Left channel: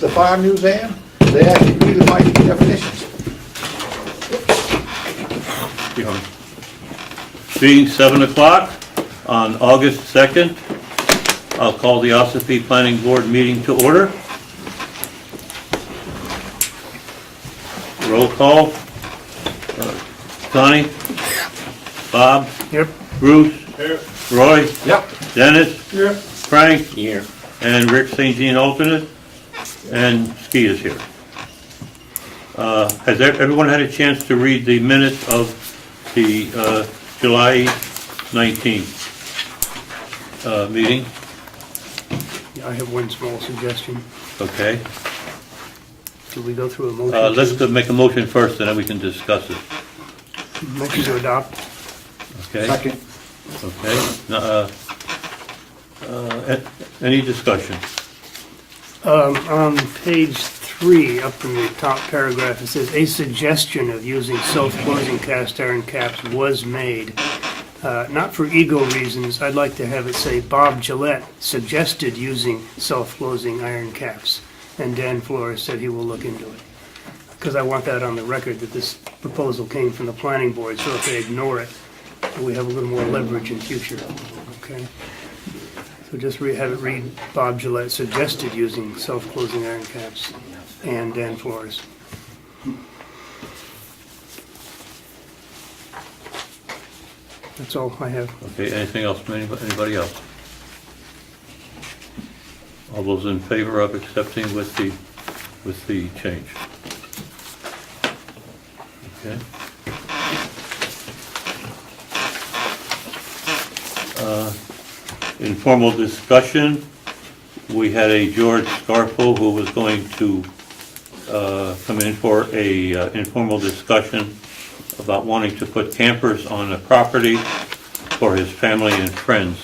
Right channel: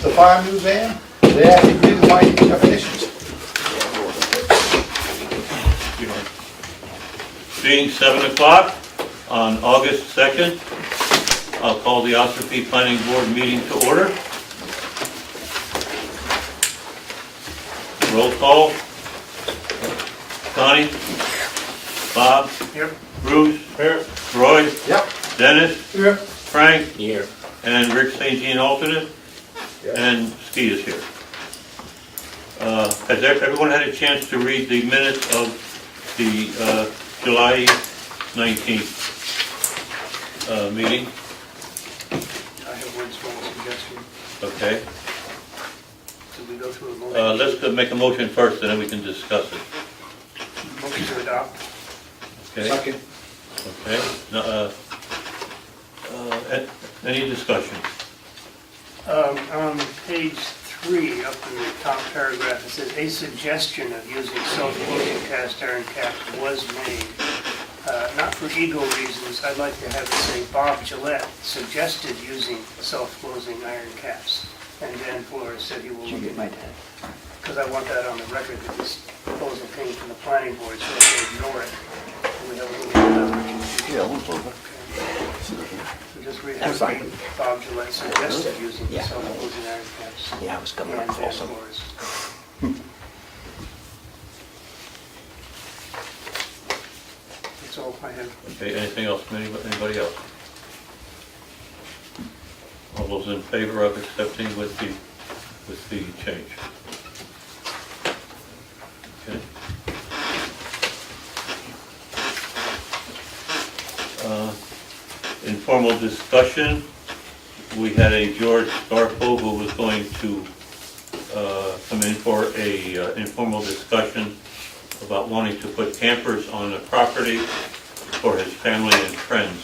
the fire museum, they actually agree with my definitions. Being 7 o'clock on August 2nd, I'll call the Ossipee Planning Board meeting to order. Roll call. Connie? Bob? Yep. Bruce? Here. Roy? Yep. Dennis? Yep. Frank? Here. And Rick St. Jean alternate? And Ski is here. Has everyone had a chance to read the minutes of the July 19th meeting? I have one small suggestion. Okay. Do we go through a motion? Let's make a motion first, and then we can discuss it. Motion to adopt. Okay? Second. Okay. Any discussion? On page 3, up in the top paragraph, it says, a suggestion of using self-closing cast iron caps was made. Not for ego reasons, I'd like to have it say, Bob Gillette suggested using self-closing iron caps. And Dan Flores said he will look into it. Because I want that on the record, that this proposal came from the planning board, so if they ignore it, we have a little more leverage in future. Okay. So just have it read, Bob Gillette suggested using self-closing iron caps, and Dan Flores. That's all I have. Okay, anything else from anybody else? All those in favor of accepting with the change? Okay. Informal discussion. We had a George Scarpo who was going to come in for a informal discussion about wanting to put campers on the property for his family and friends.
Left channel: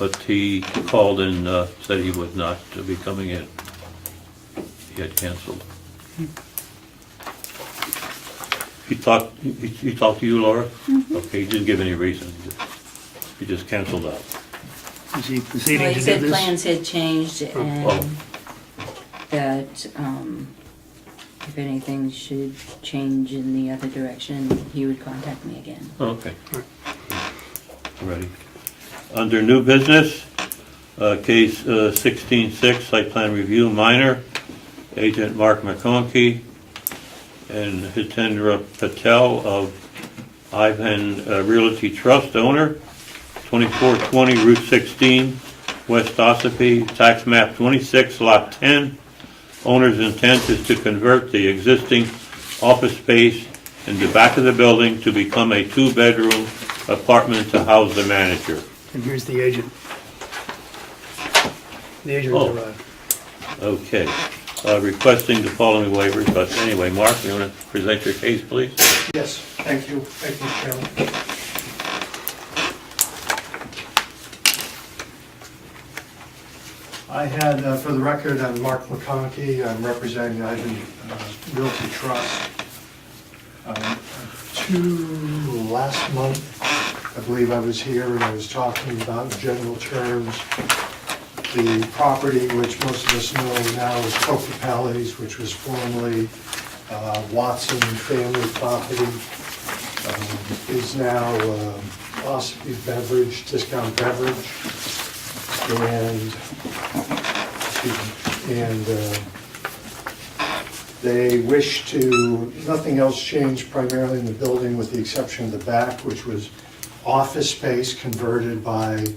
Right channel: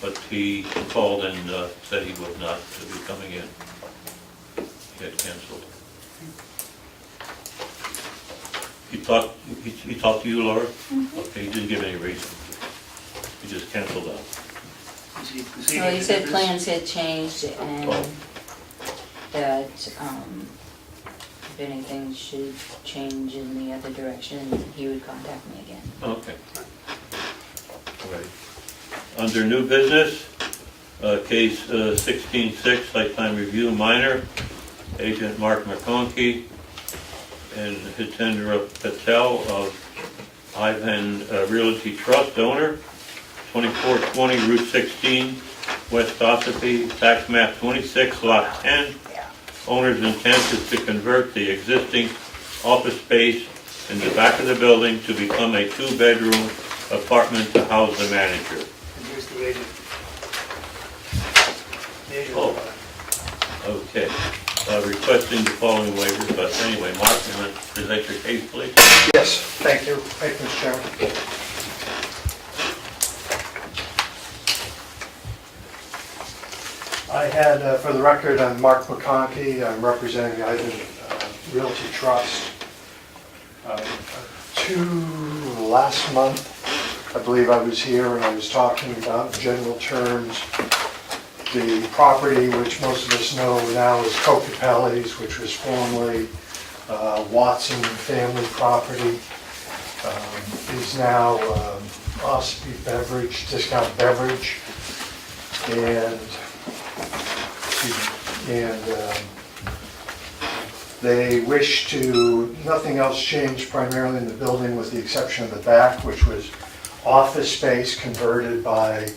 But he called and said he would not be coming in. He had canceled. He talked to you, Laura? Mm-hmm. Okay, he didn't give any reason. He just canceled out. Is he proceeding Well, to he do said this? plans had changed Oh. and that if anything should change in the other direction, he would contact me again. Okay. Ready. Under new business, case 16-6, site plan review minor, agent Mark McConkey and Hitendra Patel of Ivan Realty Trust owner, 2420 Route 16, West Ossipee, tax map 26, lot 10. Owner's intent is to convert the existing office space in the back of the building to become a 2-bedroom apartment to house the manager. And here's the agent. The agent Oh. arrived. Okay. Requesting the following waivers, but anyway, Mark, you want to present your case, please? Yes, thank you. Thank you, Mr. Chairman. I had, for the record, I'm Mark McConkey. I'm representing the Ivan Realty Trust. Last month, I believe I was here and I was talking about in general terms the property, which most of us know now is Comeau's, which was formerly Watson family property, is now Ossipee Beverage, Discount Beverage, and they wish to, nothing else changed primarily in the building with the exception of the back, which was office space converted by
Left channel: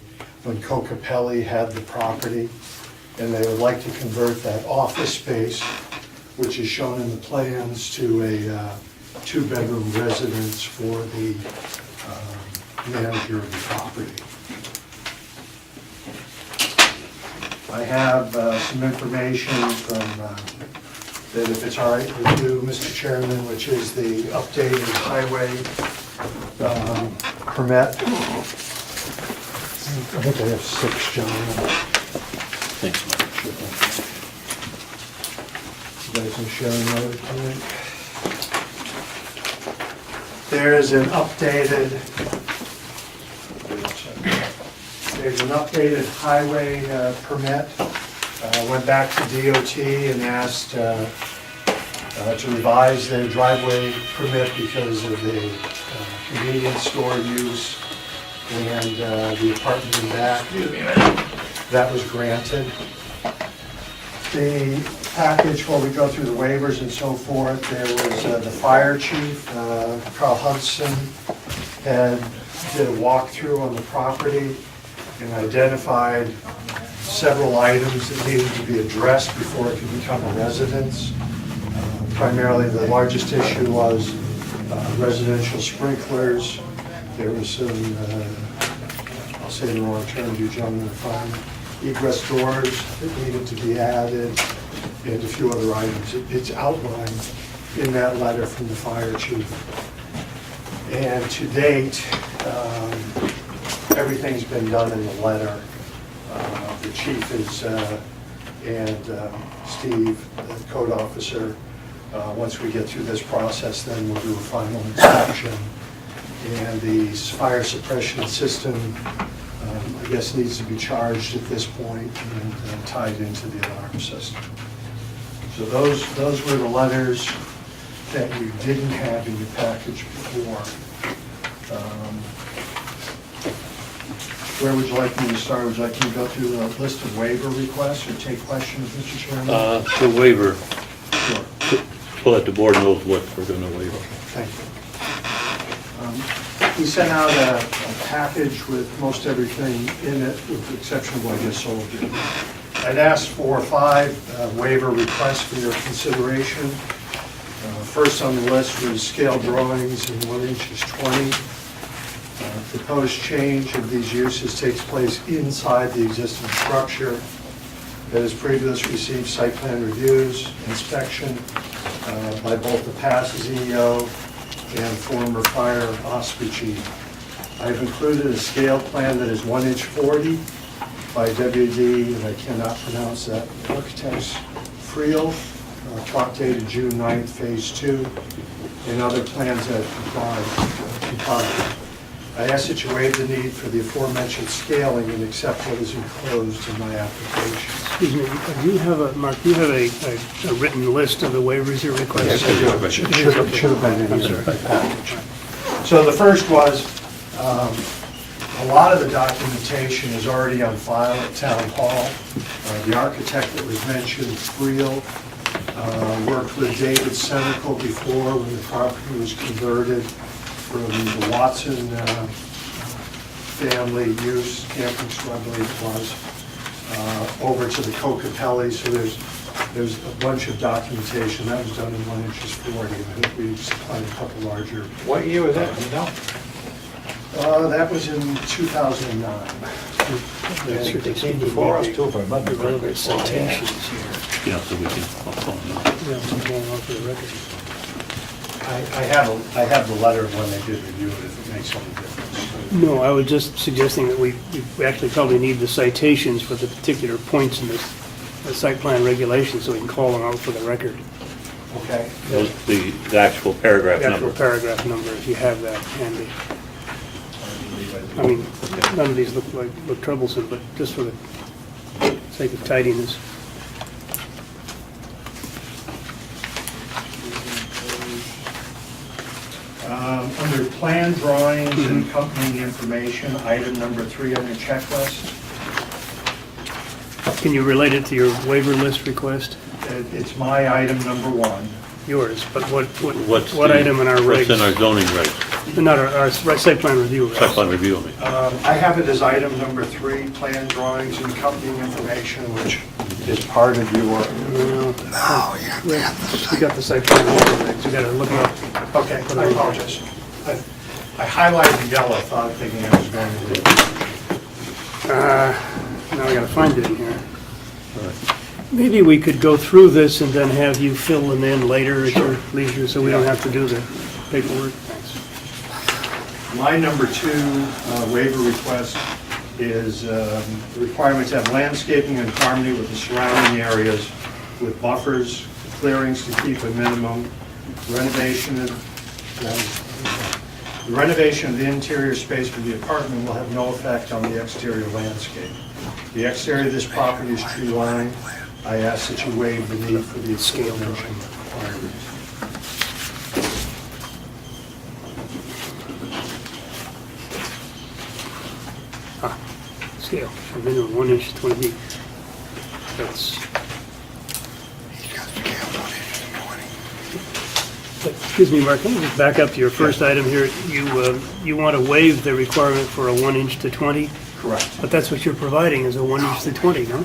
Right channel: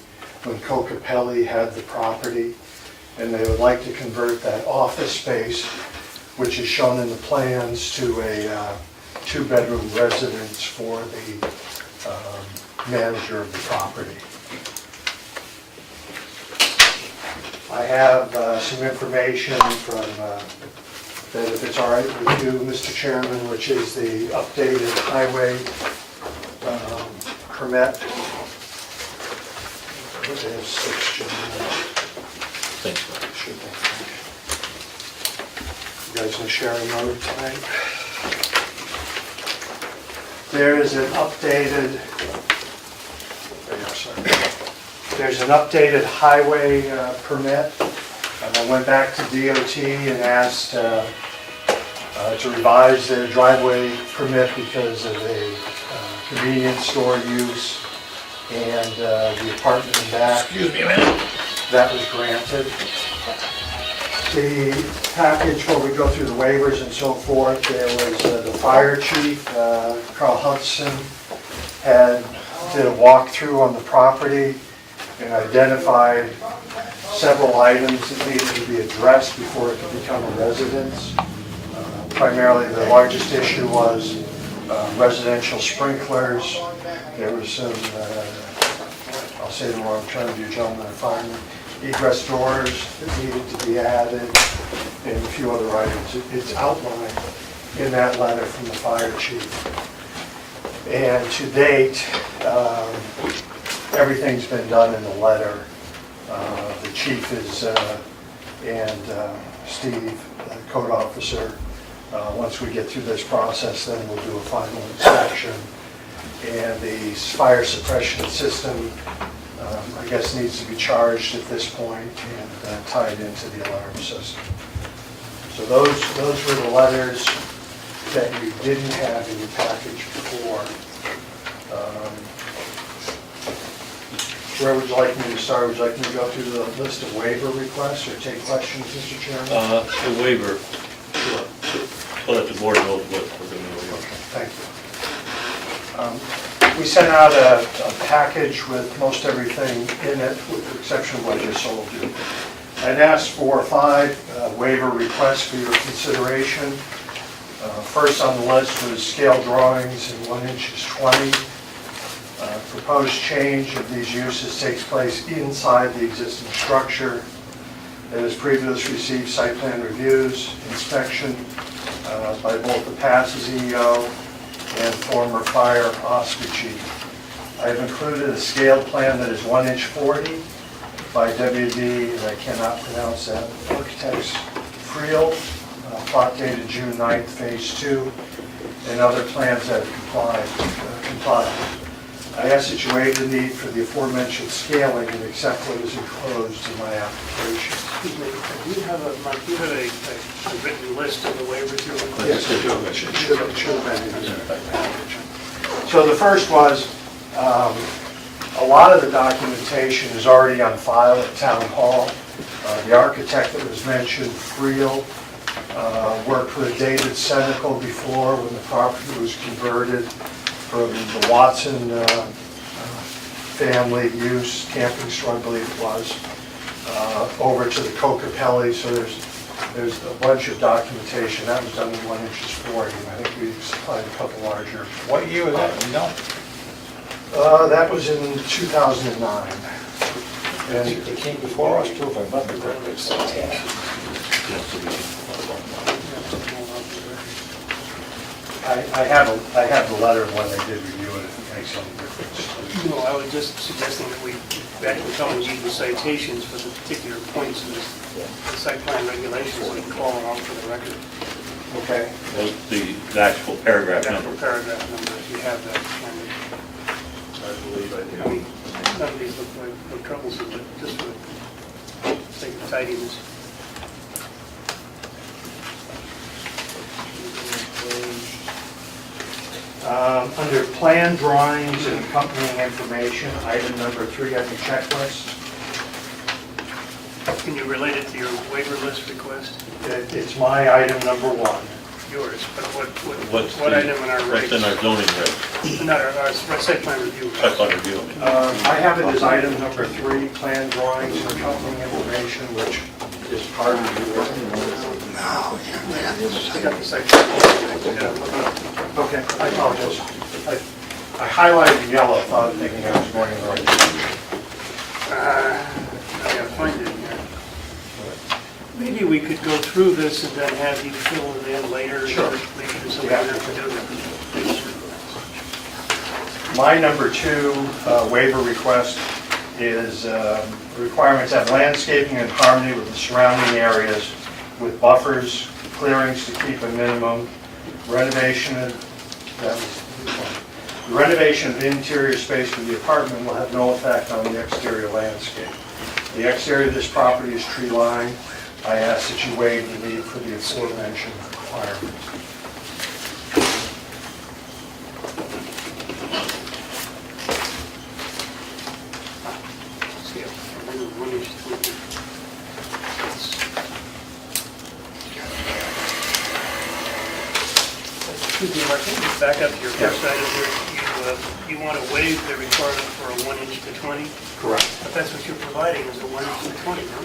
when Comeau had the property, and they would like to convert that office space, which is shown in the plans, to a 2-bedroom residence for the manager of the property. I have some information from, that if it's all right with you, Mr. Chairman, which is the updated highway permit. I think I have 6, John. Thanks. You guys want to share a note tonight? There's an updated, there's an updated highway permit went back to DOT and asked to revise their driveway permit because of a convenience store use and the apartment in back. Excuse me a minute. That was granted. The package, while we go through the waivers and so forth, there was the fire chief, Carl Hudson, did a walkthrough on the property and identified several items that needed to be addressed before it could become a residence. Primarily, the largest issue was residential sprinklers. There was some, I'll say the wrong term, you gentlemen are fine, egress doors that needed to be added, and a few other items. It's outlined in that letter from the fire chief. And to date, everything's been done in the letter. The chief is, and Steve, the code officer, once we get through this process, then we'll do a final inspection. And the fire suppression system, I guess, needs to be charged at this point and tied into the alarm system. So those were the letters that we didn't have in the package before. Where would you like me to start? Would you like me to go through the list of waiver requests or take questions, Mr. Chairman? The waiver, Sure. so that the board knows what we're going to waive. Okay, thank you. We sent out a package with most everything in it, with the exception of what I just told you. I'd asked for 5 waiver requests for your consideration. First on the list was scale drawings in 1 inches 20. Proposed change of these uses takes place inside the existing structure that has previously received site plan reviews, inspection by both the past CEO and former fire Ossipee chief. I have included a scale plan that is 1 inch 40 by WD, and I cannot pronounce that, Architects Friel, plot dated June 9th, phase 2, and other plans that comply. I ask that you waive the need for the aforementioned scaling and accept what is enclosed in my application. Excuse me, do you have a, Mark, do you have a written list of the waivers you're requesting? Yes, I do. Should have been in the package. So the first was, a lot of the documentation is already on file at Town Hall. The architect that was mentioned, Friel, worked with David Senecal before when the property was converted from the Watson family use, camping store, I believe it was, over to the Comeau. So there's a bunch of documentation. That was done in 1 inches 40. I think we supplied a couple larger. What year was that? You know? That was in 2009. They came before us too, if I remember correctly. Yeah, so we can. I have the letter of when they did review it, if it makes any difference. No, I was just suggesting that we actually probably need the citations for the particular points in the site plan regulations, so we can call them out for the record. Okay? The actual paragraph Actual number. paragraph number, if you have that handy. I believe I do. I mean, none of these look troublesome, but just for the sake of tidiness. Under plan drawings and accompanying information, item number 3 on your checklist, Can you relate it to your waiver list request? it's my item number 1. Yours, but what What's item in our What's in our regs? zoning regs? Not our site plan review. Site plan review, I mean. I have it as item number 3, plan drawings and accompanying information, which is part of your... Yeah, we got the site plan review, we gotta look it up. Okay, I apologize. I highlighted yellow, thinking I was going to go. Now I gotta find it in here. Maybe we could go through this and then have you fill them in later at your leisure, so we don't have to do the paperwork. My number 2 waiver request is the requirement to have landscaping in harmony with the surrounding areas with buffers, clearings to keep a minimum, renovation of the interior space for the apartment will have no effect on the exterior landscape. The exterior of this property is tree lined. I ask that you waive the need for the aforementioned requirement. Scale, and then 1 inch 20 feet. That's. Excuse me, Mark, let me just back up to your first item here. You want to waive the requirement for a 1 inch to 20, Correct. but that's what you're providing is a 1 inch to 20, no?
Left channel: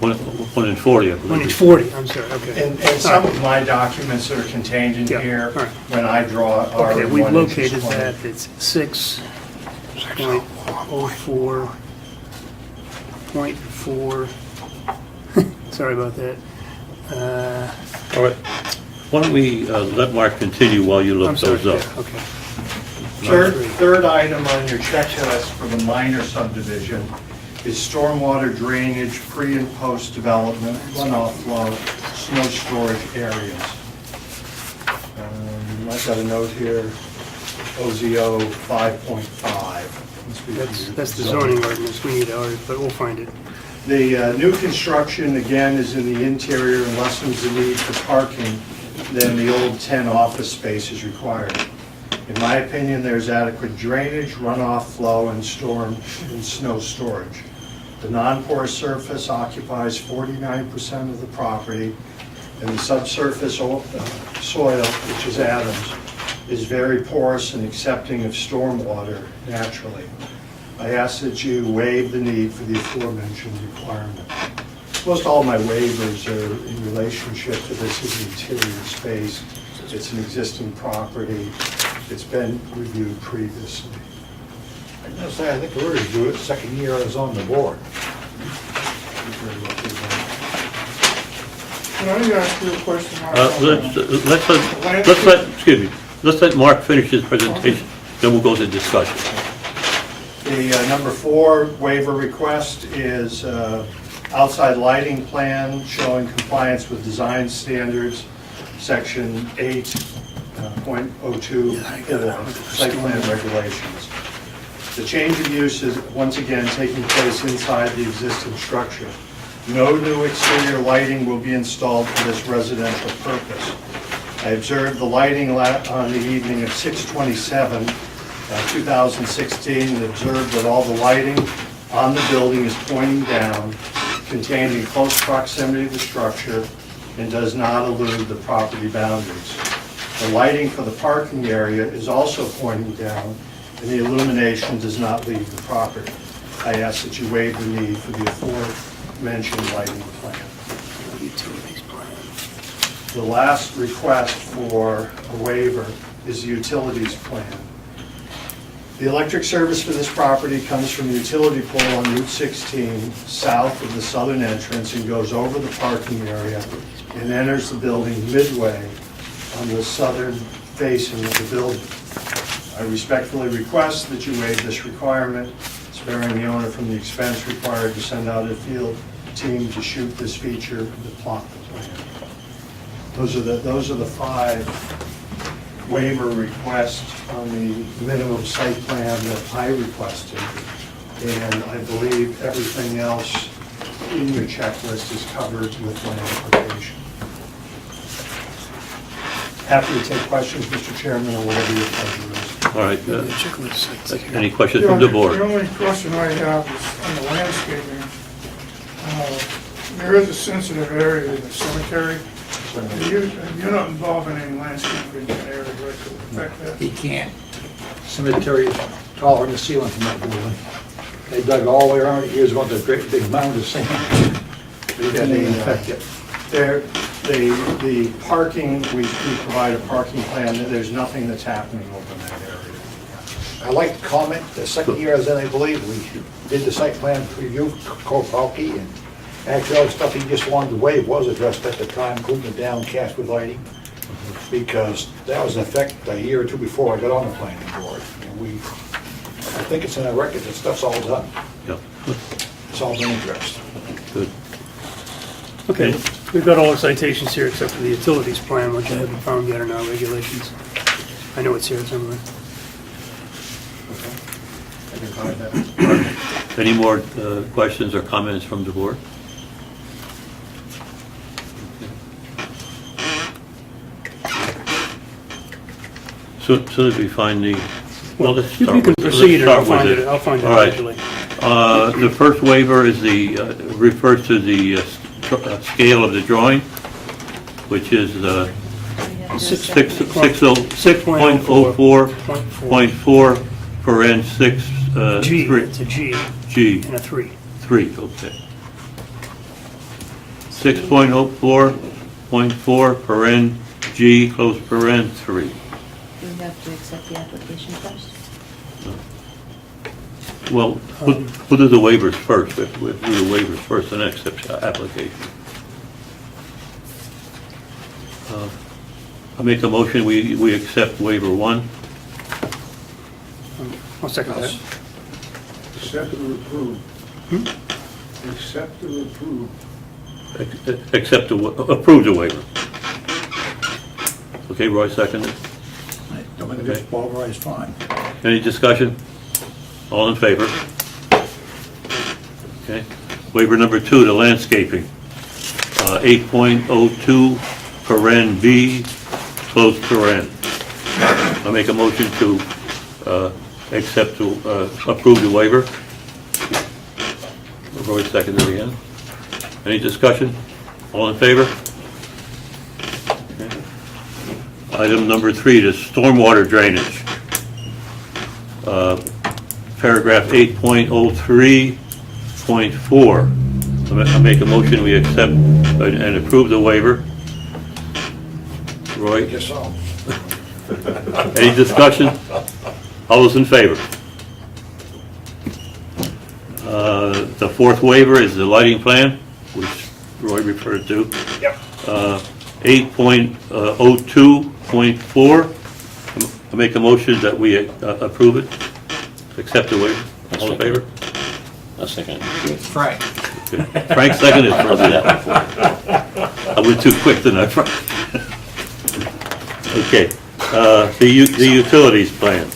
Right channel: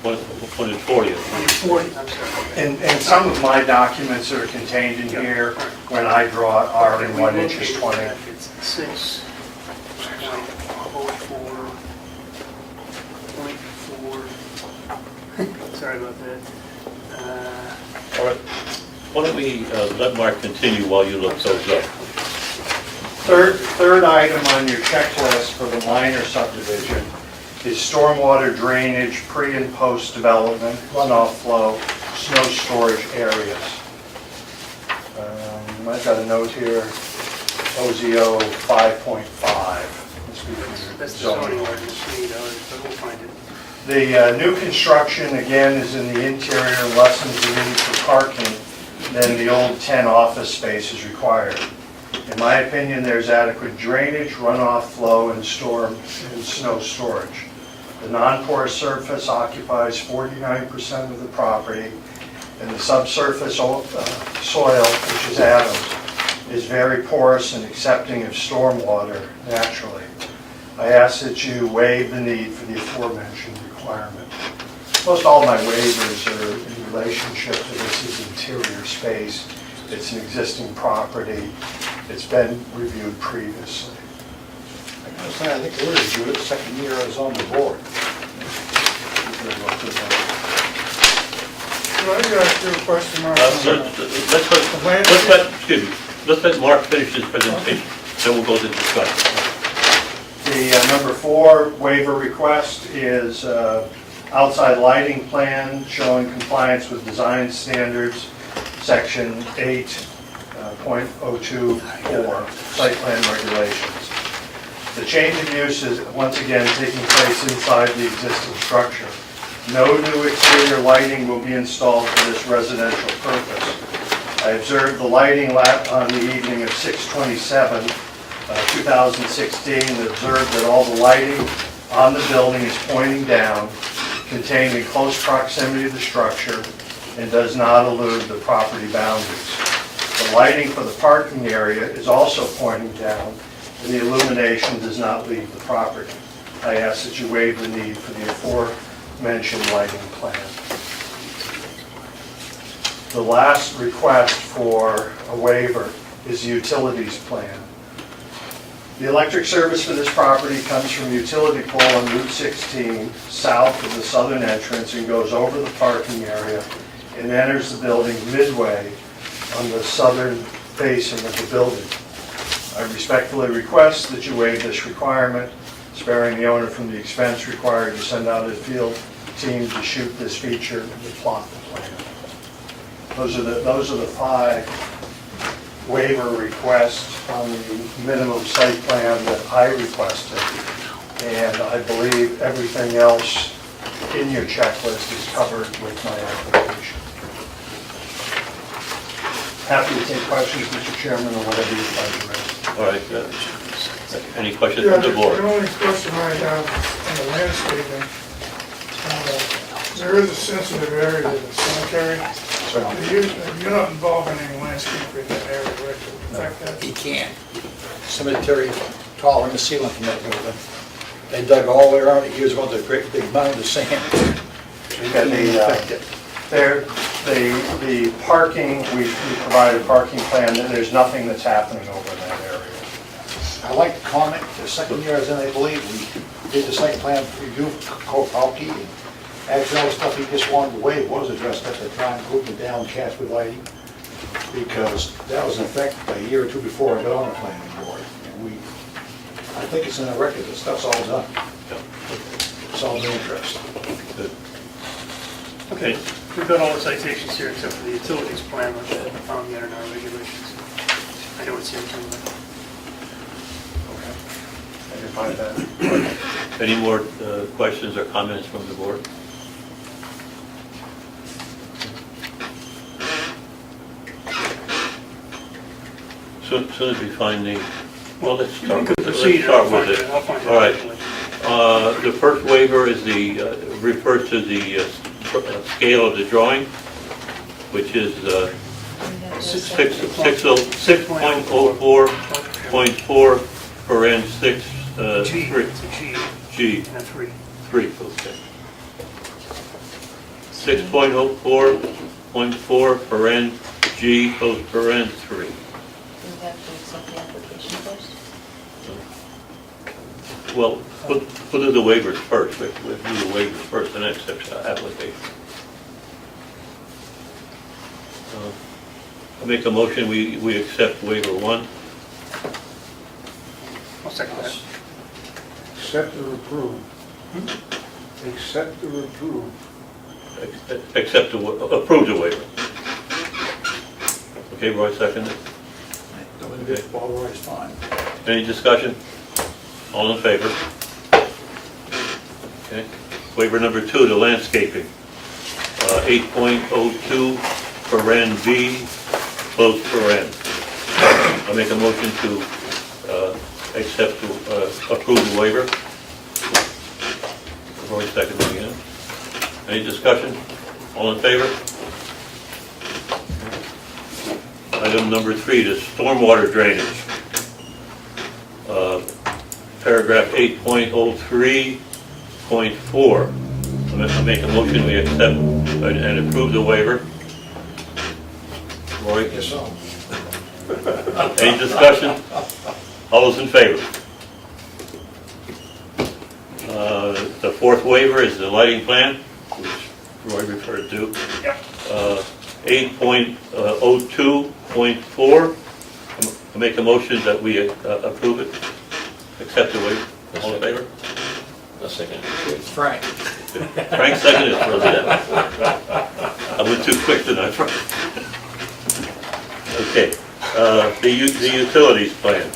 What, 1 and 40? 20, 40, I'm sorry, okay. And some of my documents that are contained in Yeah, here, all right. when I draw it, are Okay, in we 1 inch located 20. that, it's 6.04.4. Sorry about that. All right. Why don't we let Mark continue while you I'm look sorry, those up? okay. Third item on your checklist for the minor subdivision is stormwater drainage, pre and post development, runoff flow, snow storage areas. I've got a note here, OZO 5.5. That's the zoning ordinance, we need ours, but we'll find it. The new construction, again, is in the interior and lessens the need for parking than the old 10 office spaces required. In my opinion, there's adequate drainage, runoff flow, and storm and snow storage. The non-porous surface occupies 49% of the property, and the subsurface soil, which is Adams, is very porous and accepting of stormwater naturally. I ask that you waive the need for the aforementioned requirement. Most all my waivers are in relationship to this is interior space. It's an existing property. It's been reviewed previously. I think we reviewed it the second year I was on the board. Well, I got a clear question, Mark. Let's let Mark finish his presentation, then we'll go to discussion. The number 4 waiver request is outside lighting plan showing compliance with design standards, section 8.024, site plan regulations. The change of use is once again taking place inside the existing structure. No new exterior lighting will be installed for this residential purpose. I observed the lighting on the evening of 6/27/2016, and observed that all the lighting on the building is pointing down, contained in close proximity to the structure, and does not elude the property boundaries. The lighting for the parking area is also pointing down, and the illumination does not leave the property. I ask that you waive the need for the aforementioned lighting plan. The last request for a waiver is the utilities plan. The electric service for this property comes from a utility pole on Route 16, south of the southern entrance, and goes over the parking area and enters the building midway on the southern facing of the building. I respectfully request that you waive this requirement, sparing the owner from the expense required to send out a field team to shoot this feature and to plot the plan. Those are the 5 waiver requests on the minimum site plan that I requested. And I believe everything else in your checklist is covered with my application. Happy to take questions, Mr. Chairman, or whatever your pleasure is. All right, any questions from the board? The only question I have is on the landscaping. There is a sensitive area with the cemetery. You're not involved in any landscaping in that area, right, to affect that? He can't. Cemetery taller than the ceiling from that building. They dug all the way around it years ago with a great big mound of sand. So you can't affect it. The parking, we provide a parking plan, there's nothing that's happening over in that area. I'd like to comment, the second year I was in, I believe, we did the site plan review for Kwiatkowski, and actually all the stuff he just wanted to waive was addressed at the time, including the downcast with lighting, because that was in effect a year or 2 before I got on the planning board. And I think it's in our record, that stuff's all done. Yeah. It's all in interest. Good. Okay, we've got all the citations here except for the utilities plan, which I haven't found yet in our regulations. I know it's here somewhere. I can find that. Any more questions or comments from the board? Soon as we find the, well, let's You start can with, proceed, and I'll let's start find with it, I'll find it All right. eventually. The first waiver is refers to the scale of the drawing, which is 6.04.4 paren 6, G, 3. it's a G G, and a 3. 3, okay. 6.04.4 paren G, close paren 3. Do we have to accept the application first? Well, we'll do the waivers first. We'll do the waivers first and then accept the application. I make a motion, we accept waiver 1. I'll second that. Accept or approve. Accept or approve. Approve the waiver. Okay, Roy, second. This ball right is fine. Any discussion? All in favor? Okay. Waiver number 2, the landscaping. 8.02 paren B, close paren. I make a motion to approve the waiver. Roy seconded again. Any discussion? All in favor? Okay. Item number 3, the stormwater drainage. Paragraph 8.03.4. I make a motion, we accept and approve the waiver. Roy? Guess so. Any discussion? All those in favor? The fourth waiver is the lighting plan, which Roy referred to. Yep. 8.02.4. I make a motion that we approve it, accept the waiver. All in favor? A second. Frank. Frank seconded for that. I went too quick tonight, Frank. Okay, the utilities plan.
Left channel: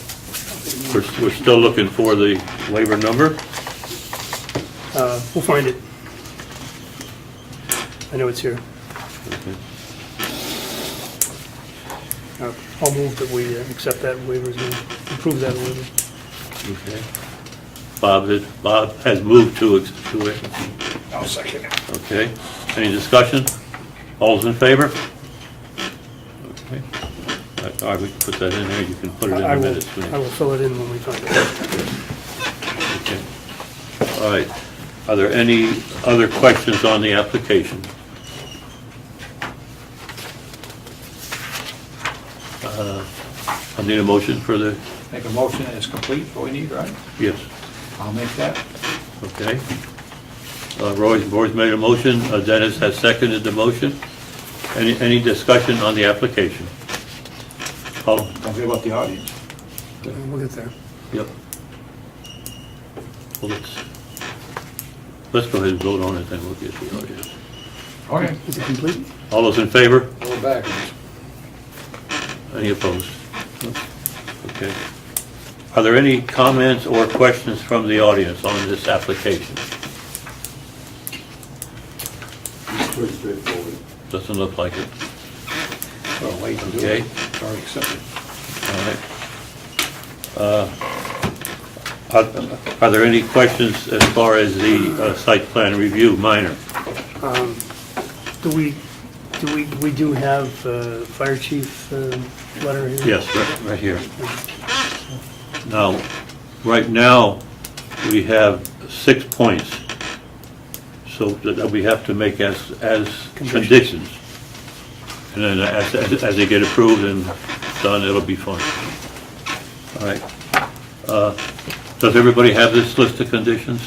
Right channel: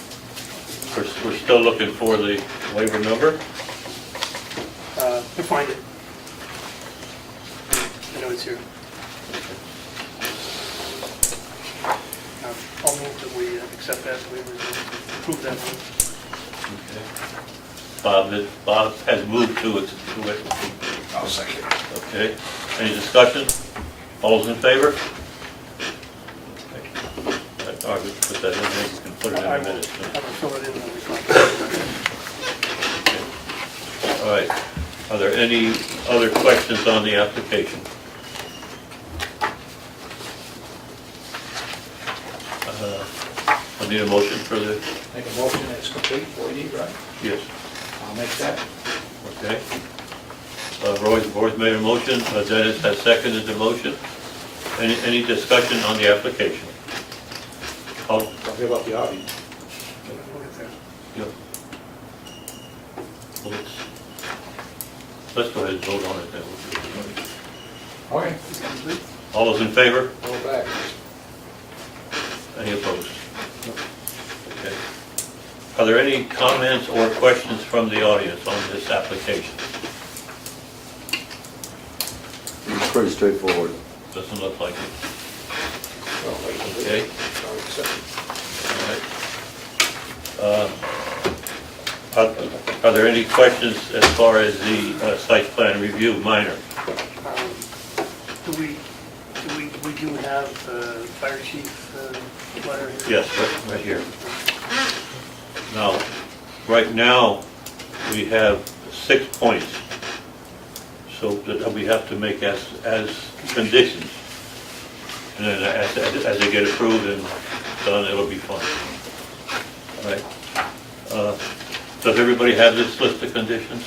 We're still looking for the waiver number. We'll find it. I know it's here. I'll move that we accept that waiver and approve that waiver. Okay. Bob has moved to it. I'll second. Okay, any discussion? All's in favor? Okay. I would put that in there, you can put it in I the will minutes. fill it in when we find it. Okay. All right, are there any other questions on the application? I need a motion for the, Make a motion that it's complete, what we need, right? yes, I'll make that. okay. Roy's made a motion, Dennis has seconded the motion. Any discussion on the application? Oh, Don't give up the audience. We'll get there. yep. Well, let's go ahead and vote on it, then we'll get to it. Okay. Is it complete? All those in favor? Go back. Any opposed? Okay. Are there any comments or questions from the audience on this application? It's pretty straightforward. Doesn't look like it. Well, late to do Okay. it. Sorry, accepted. All right. Are there any questions as far as the site plan review minor? Do we have fire chief letter here? Yes, right here. Now, right now, we have 6 points. So that we have to make as conditions. And then as they get approved and done, it'll be fun. All right. Does everybody have this list of conditions?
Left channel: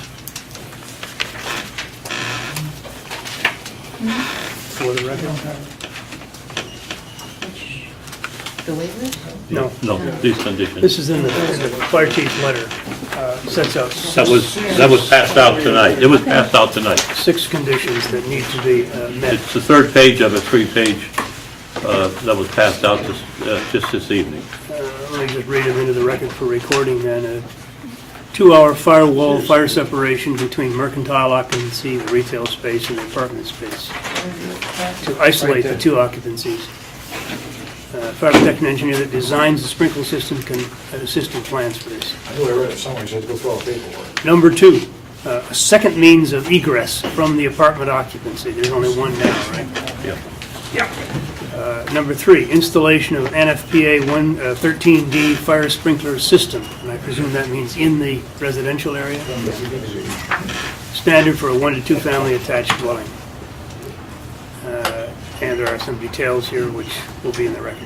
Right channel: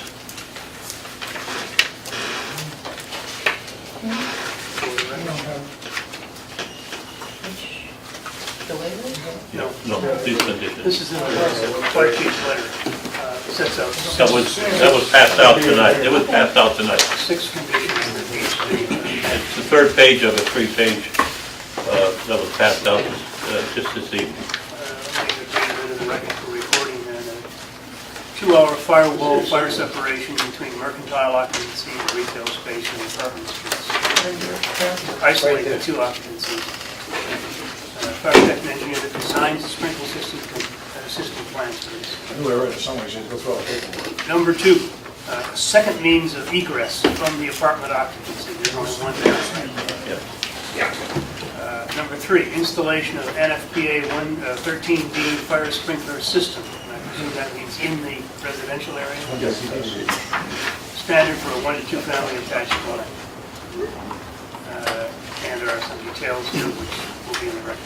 For the record? The waivers? No. No, these conditions. This is in the fire chief's letter, sets out That was passed out tonight. It was passed out tonight. 6 conditions that need to be met. It's the third page of a 3-page that was passed out just this evening. Let me just read it into the record for recording then. A 2-hour firewall fire separation between mercantile occupancy, retail space, and apartment space. To isolate the 2 occupancies. fire protection engineer that designs the sprinkler system can assist in plan space. I knew I read it somewhere, so I had to go through all the paperwork. Number 2, a second means of egress from the apartment occupancy. There's only one now, right? Yeah. Number 3, installation of NFPA 13D fire sprinkler system. And I presume that means in the residential area? Standard for a 1 to 2 family attached dwelling. And there are some details here which will be in the record.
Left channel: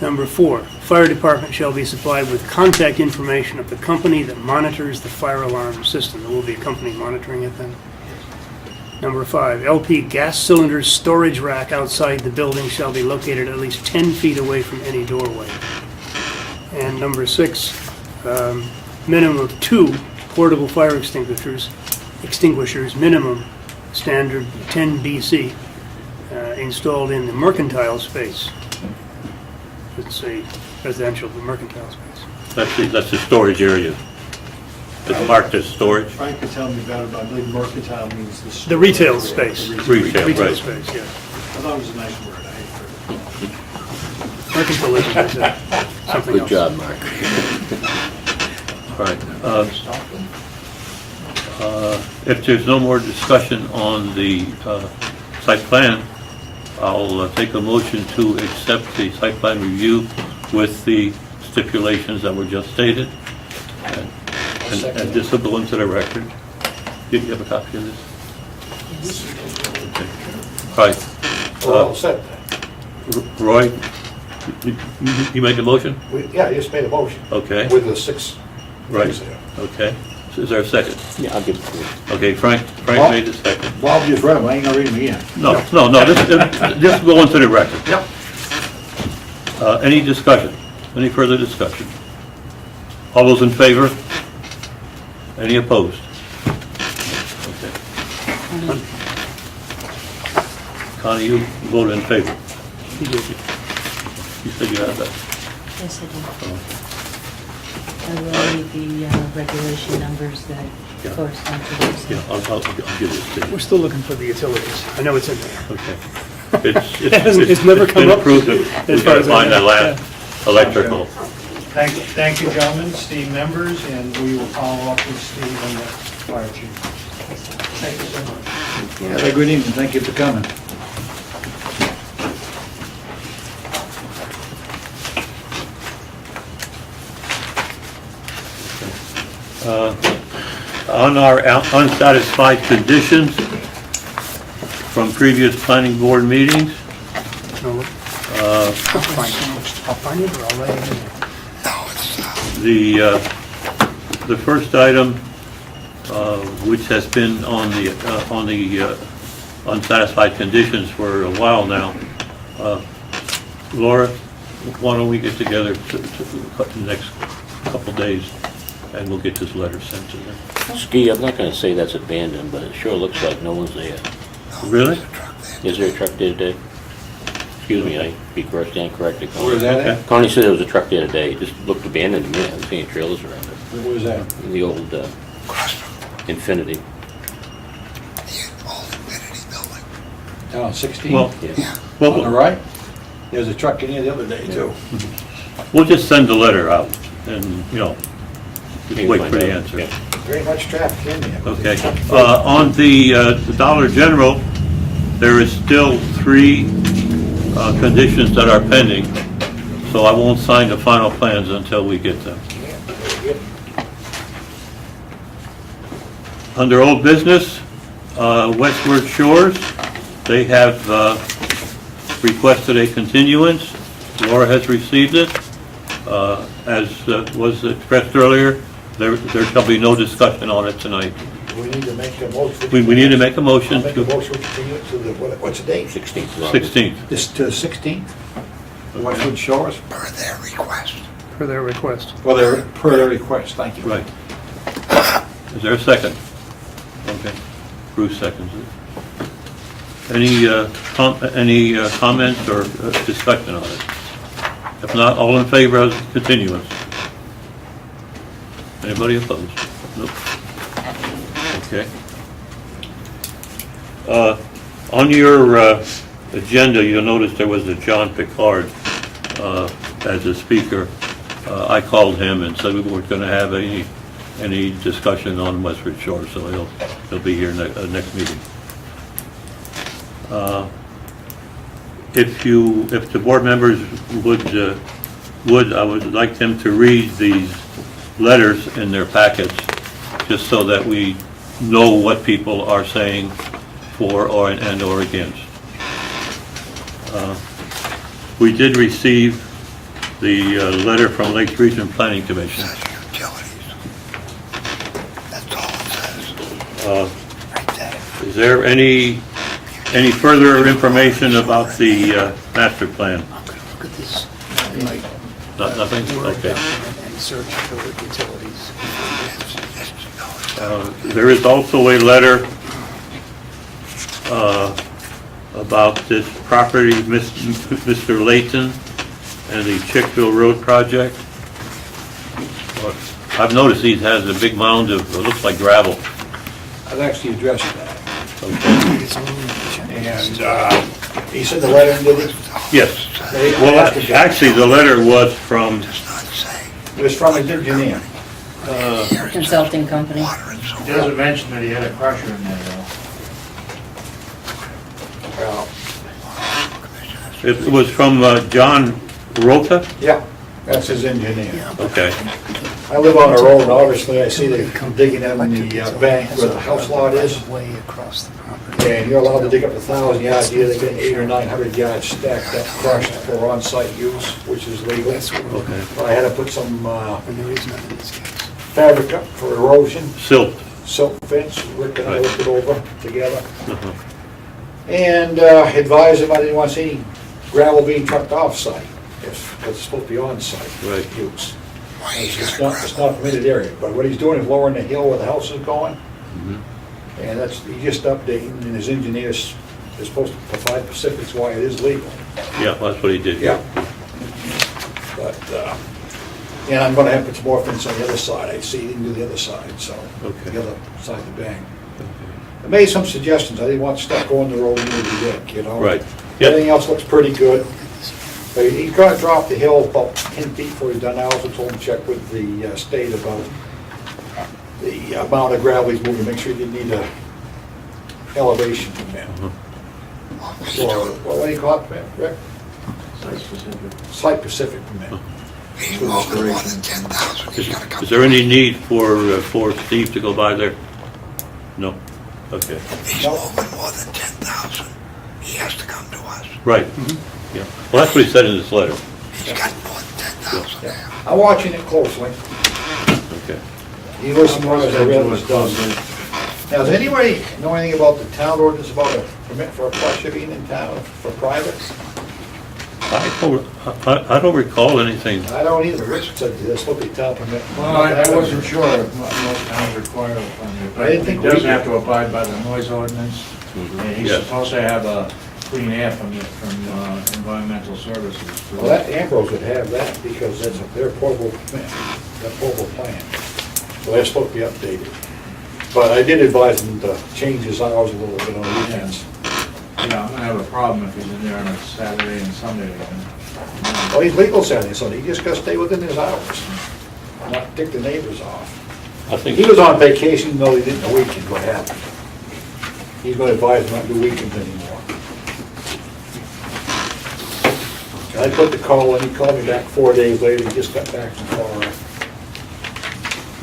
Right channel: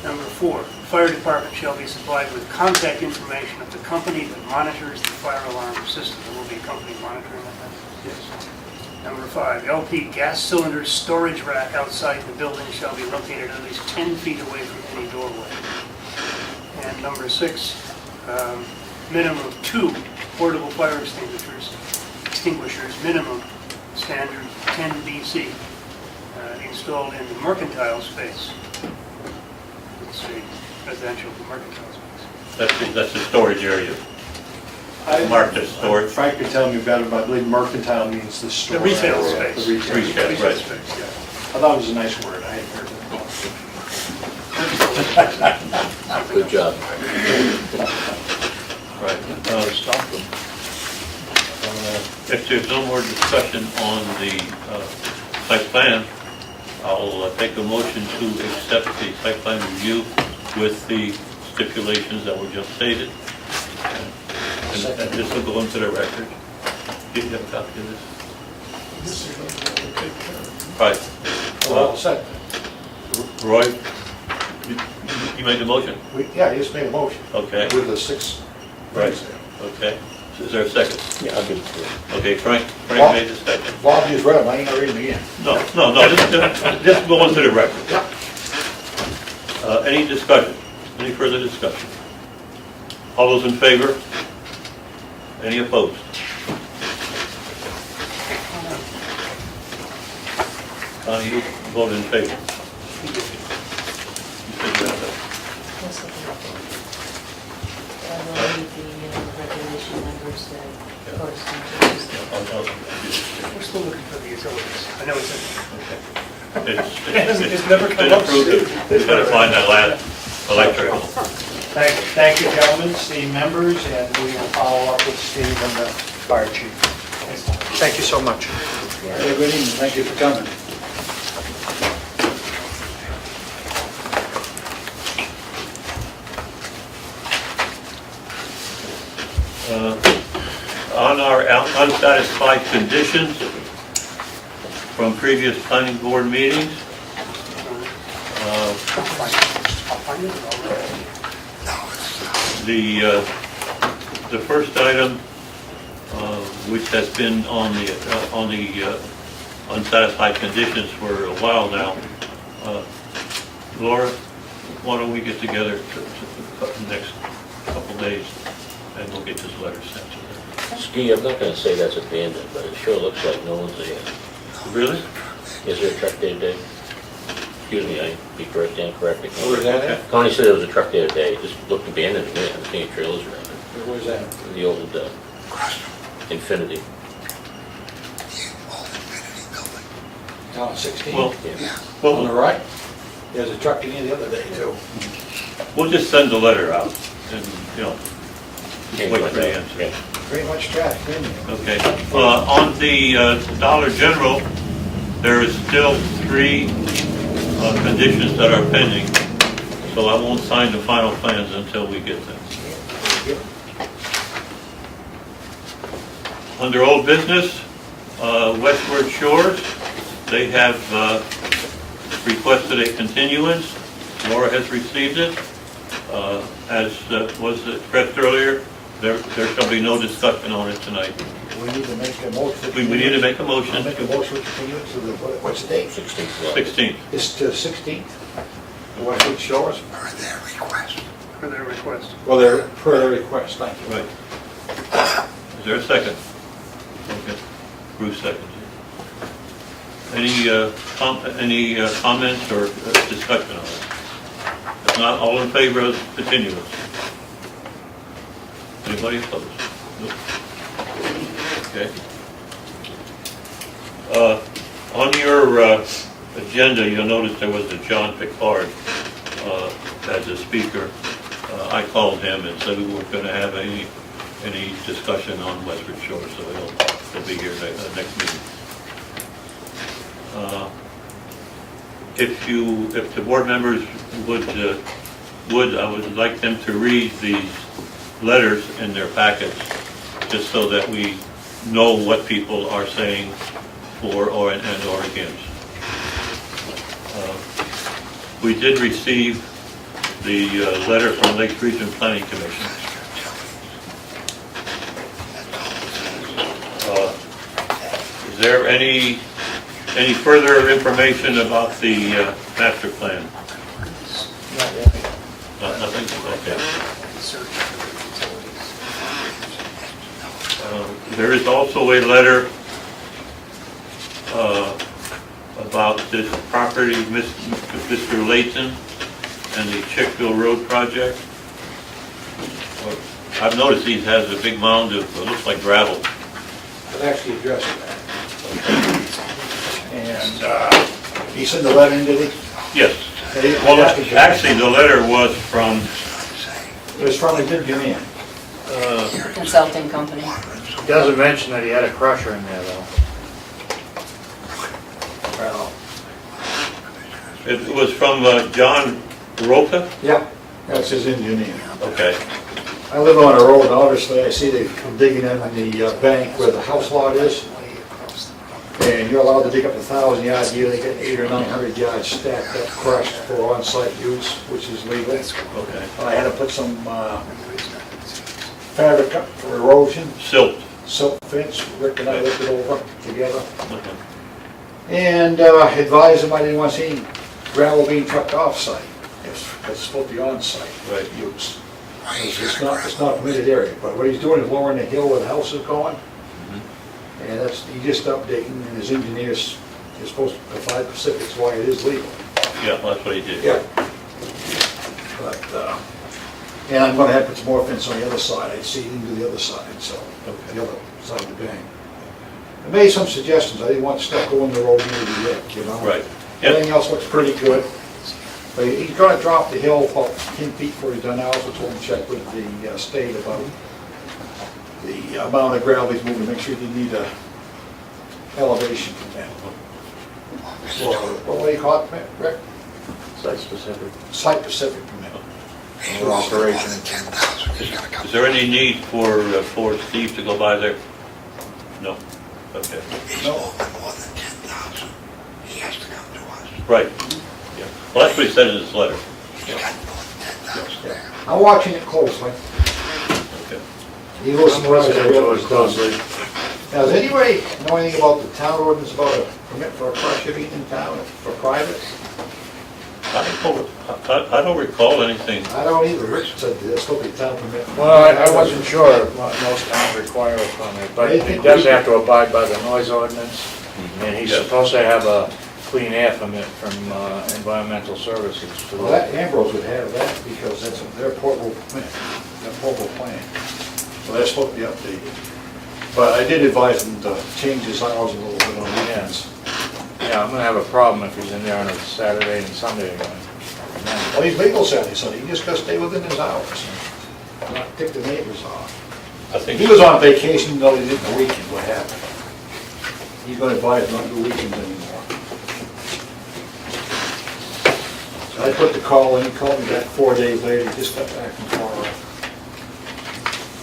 Number 4, fire department shall be supplied with contact information of the company that monitors the fire alarm system. There will be a company monitoring it then? Yes. Number 5, LP gas cylinder storage rack outside the building shall be located at least 10 feet away from any doorway. And number 6, minimum of 2 portable fire extinguishers, minimum standard 10 BC, installed in the mercantile space. It's a residential mercantile space. That's the storage area. It's marked as storage. Frank could tell me better, but I believe mercantile means the The store retail area. space. The retail. Retail, right. space, yeah. I thought it was a nice word, I hadn't heard it. Mercantile is something Good else. job, Mark. All right. If there's no more discussion on the site plan, I'll take a motion to accept the site plan review with the stipulations that were just stated. And this will go into the record. Do you have a copy of this? Okay. Right. We're all set then. Roy, you made the motion? Yeah, I just made a motion. Okay. With the 6 Right. things there. Okay. So is there a second? Yeah, I'll give it to you. Okay, Frank Well- made the second. Bob just read them, I ain't gonna read them again. No, this will go into the record. Yep. Any discussion? Any further discussion? All those in favor? Any opposed? Connie, you voted in favor. You said you had that. Yes, I will read the regulation numbers that Yeah. correspond to those. Yeah, I'll give it to We're still looking for the utilities. I know it's in there. you. Okay. It's never come been up. approved. As far as I Find know. that last electrical. Thank you, gentlemen, esteemed members, and we will follow up with Steve and the fire chief. Thank you so much. Have a good evening, thank you for coming. On our unsatisfied conditions from previous planning board meetings, I'll find it, or I'll write it in. the first item, which has been on the unsatisfied conditions for a while now, Laura, why don't we get together the next couple days, and we'll get this letter sent to them. Ski, I'm not gonna say that's abandoned, but it sure looks like no one's there. Really? Is there a truck there today? Excuse me, I stand corrected. Where's that at? Connie said there was a truck there today, it just looked abandoned to me, I was seeing trailers around it. Where was that? The old Infinity, Down 16? Well, yeah. On the right? There's a truck in here the other day too. we'll just send the letter out, and, just wait for the Yeah. answer. Very much traffic in here. Okay. On the Dollar General, there is still 3 conditions that are pending, so I won't sign the final plans until we get them. Under old business, Westward Shores, they have requested a continuance. Laura has received it. As was expressed earlier, there shall be no discussion on it tonight. We need to make a motion. We need to make a motion I'll make a to motion to continue to the, what's the date? 16th. 16th. This to 16th? The Westwood Shores? For their request. Well, they're per their request, thank you. Right. Is there a second? Okay. Bruce seconds it. Any comments or discussion on it? If not, all in favor of continuance? Anybody opposed? Nope. Okay. On your agenda, you'll notice there was a John Picard as a speaker. I called him and said we weren't going to have any discussion on Westford Shore, so he'll be here next meeting. If the board members would, I would like them to read these letters in their packets, just so that we know what people are saying for or against. We did receive the letter from Lakes Region Planning Commission. Is there any further information about the master plan? Nothing? Okay. Search for the utilities. There is also a letter about this property, Mr. Layton and the Chickville Road project. I've noticed he has a big mound of, it looks like gravel. I've actually addressed that. And he sent the letter in, did he? Yes. Well, actually, the letter was from, It was from a engineer. Consulting company. He doesn't mention that he had a crusher in there, though. Well, it was from John Rota? yeah, that's his engineer. Okay. I live on a road, obviously, I see they come digging in the bank where the house lot is. Way across the property. And you're allowed to dig up to 1,000 yards here, they get 800 or 900 yards stacked up, crushed for on-site use, which is legal. Okay. But I had to put some And there is nothing. fabric up for erosion, Silt. silk fence, Rick and I looked it over together. Uh-huh. And advised him I didn't want to see gravel being trucked off-site, because it's supposed to be on-site Right. use. It's not a permitted area, but what he's doing is lowering the hill where the house is going, and that's, he's just updating, and his engineers is supposed to provide specifics why it is legal. Yeah, that's what he did. Yeah. But, and I'm gonna have to put some more fence on the other side, I see into the other side, so, Okay. the other side of the bank. I made some suggestions, I didn't want stuff going the road near the deck, you know? Right. Yeah. Everything else looks pretty good. But he's gonna drop the hill about 10 feet before he's done. I also told him to check with the state about the amount of gravel he's moving, make sure you need a elevation permit. Or, what do you call it, Rick? Site specific. Site-specific permit. He's moving more than 10,000, he's gotta come. Is there any need for Steve to go by there? No? Okay. He's No. moving more than 10,000, he has to come to us. Right. Yeah. Well, that's what he said in his letter. He's got more than 10,000 there. I'm watching it closely. Okay. He listened to what I read. Listen to it closely. Now, does anybody know anything about the town ordinance about a permit for a crusher being in town for privates? I don't recall anything. I don't either. Rich said there's supposed to be town permit. Well, I wasn't sure if most towns require a permit, but he does have to abide by the noise ordinance, and he's Yes. supposed to have a clean air permit from environmental services. Well, that Ambrose would have that because that's their portable plan, that portable plan. So that's supposed to be updated. But I did advise him to change his hours a little bit on weekends. Yeah, I'm gonna have a problem if he's in there on a Saturday and Sunday again. Well, he's legal Saturday, Sunday. He just gotta stay within his hours and not tick the neighbors off. I think He was on vacation, no, he didn't know weekend, what happened. He's gonna advise him not to do weekends anymore. I put the call in, he called me back 4 days later, he just got back from Colorado.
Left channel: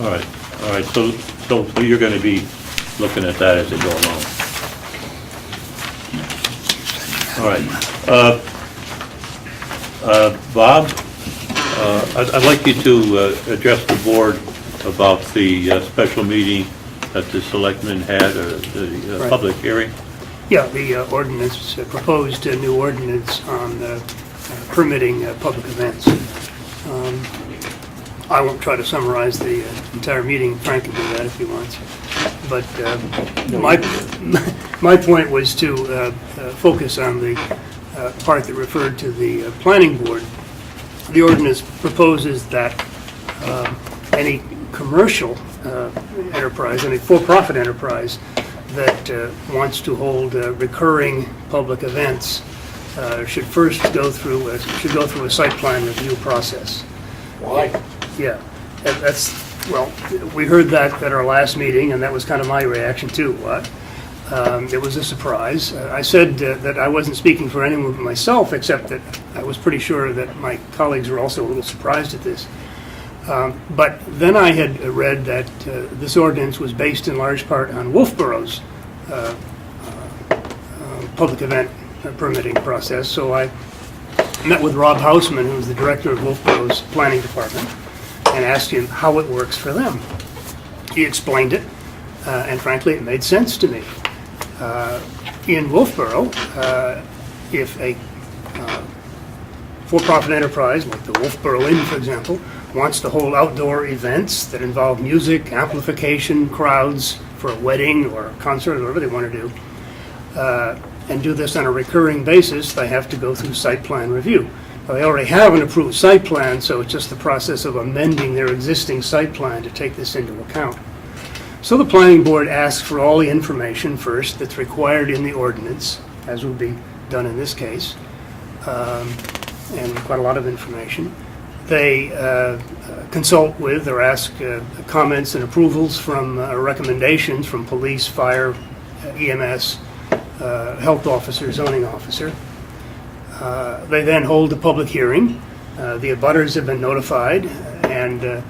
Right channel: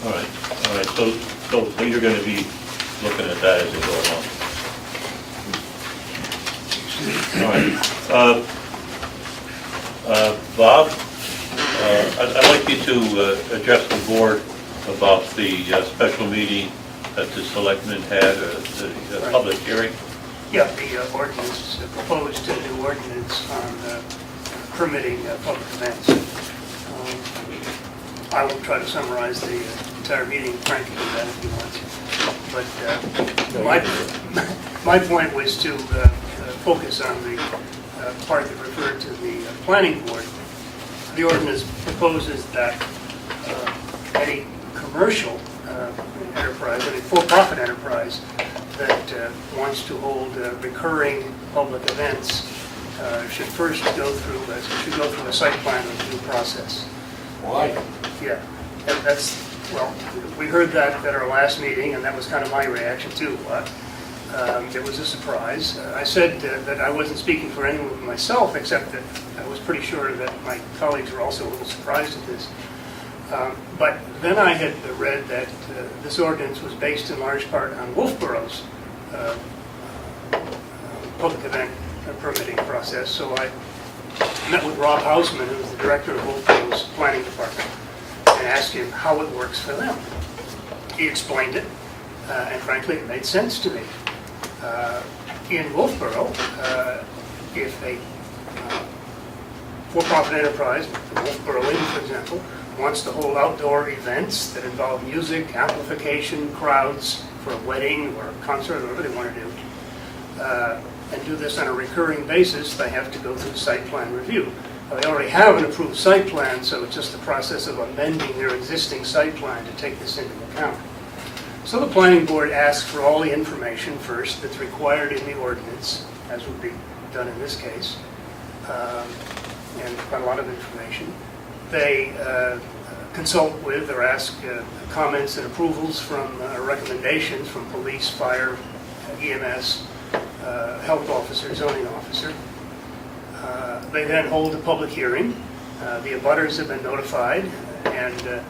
All right, so you're gonna be looking at that as it goes along. All right, Bob, I'd like you to address the board about the special meeting that the selectmen had, the Right. public hearing. Yeah, the ordinance, proposed new ordinance on permitting public events. I won't try to summarize the entire meeting, Frank can do that if he wants. But my point was to focus on the part that referred to the planning board. The ordinance proposes that any commercial enterprise, any for-profit enterprise that wants to hold recurring public events should first go through a site plan review process. Why? Yeah, that's, well, we heard that at our last meeting, and that was kind of my reaction too. It was a surprise. I said that I wasn't speaking for anyone but myself, except that I was pretty sure that my colleagues were also a little surprised at this. But then I had read that this ordinance was based in large part on Wolfborough's public event permitting process, so I met with Rob Hausman, who's the director of Wolfborough's planning department, and asked him how it works for them. He explained it, and frankly, it made sense to me. In Wolfboro, if a for-profit enterprise, like the Wolfboro Inn, for example, wants to hold outdoor events that involve music, amplification, crowds for a wedding or a concert, or whatever they want to do, and do this on a recurring basis, they have to go through site plan review. They already have an approved site plan, so it's just the process of amending their existing site plan to take this into account. So the planning board asks for all the information first that's required in the ordinance, as would be done in this case, and quite a lot of information. They consult with or ask comments and approvals from recommendations from police, fire, EMS, health officer, zoning officer. They then hold a public hearing. The abutters have been notified, and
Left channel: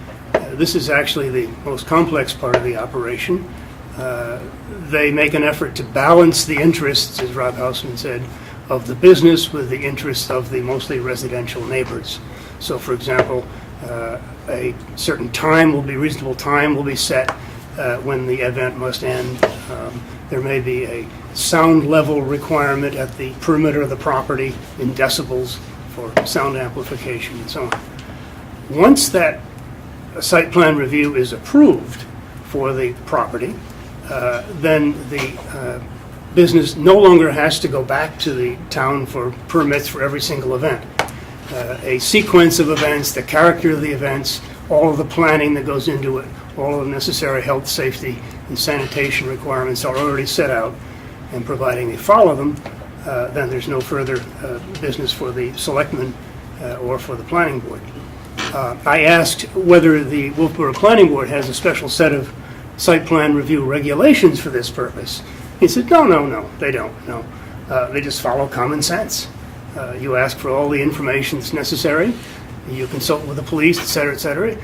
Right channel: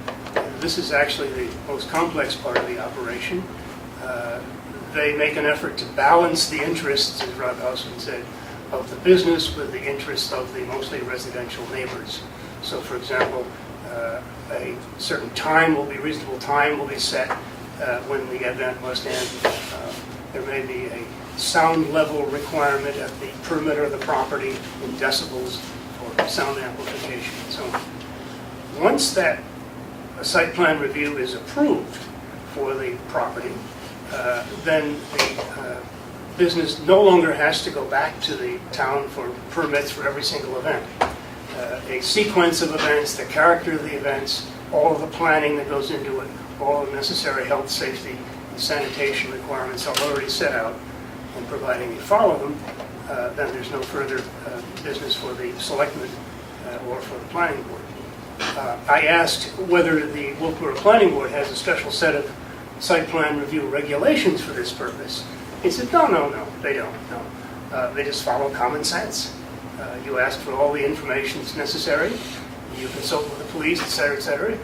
this is actually the most complex part of the operation. They make an effort to balance the interests, as Rob Hausman said, of the business with the interests of the mostly residential neighbors. So, for example, a certain time will be, reasonable time will be set when the event must end. There may be a sound level requirement at the perimeter of the property in decibels for sound amplification and so on. Once that site plan review is approved for the property, then the business no longer has to go back to the town for permits for every single event. A sequence of events, the character of the events, all of the planning that goes into it, all of the necessary health, safety, and sanitation requirements are already set out, and providing they follow them, then there's no further business for the selectmen or for the planning board. I asked whether the Wolfboro Planning Board has a special set of site plan review regulations for this purpose. He said, no, they don't, no. They just follow common sense. You ask for all the information that's necessary, you consult with the police, et cetera, et cetera.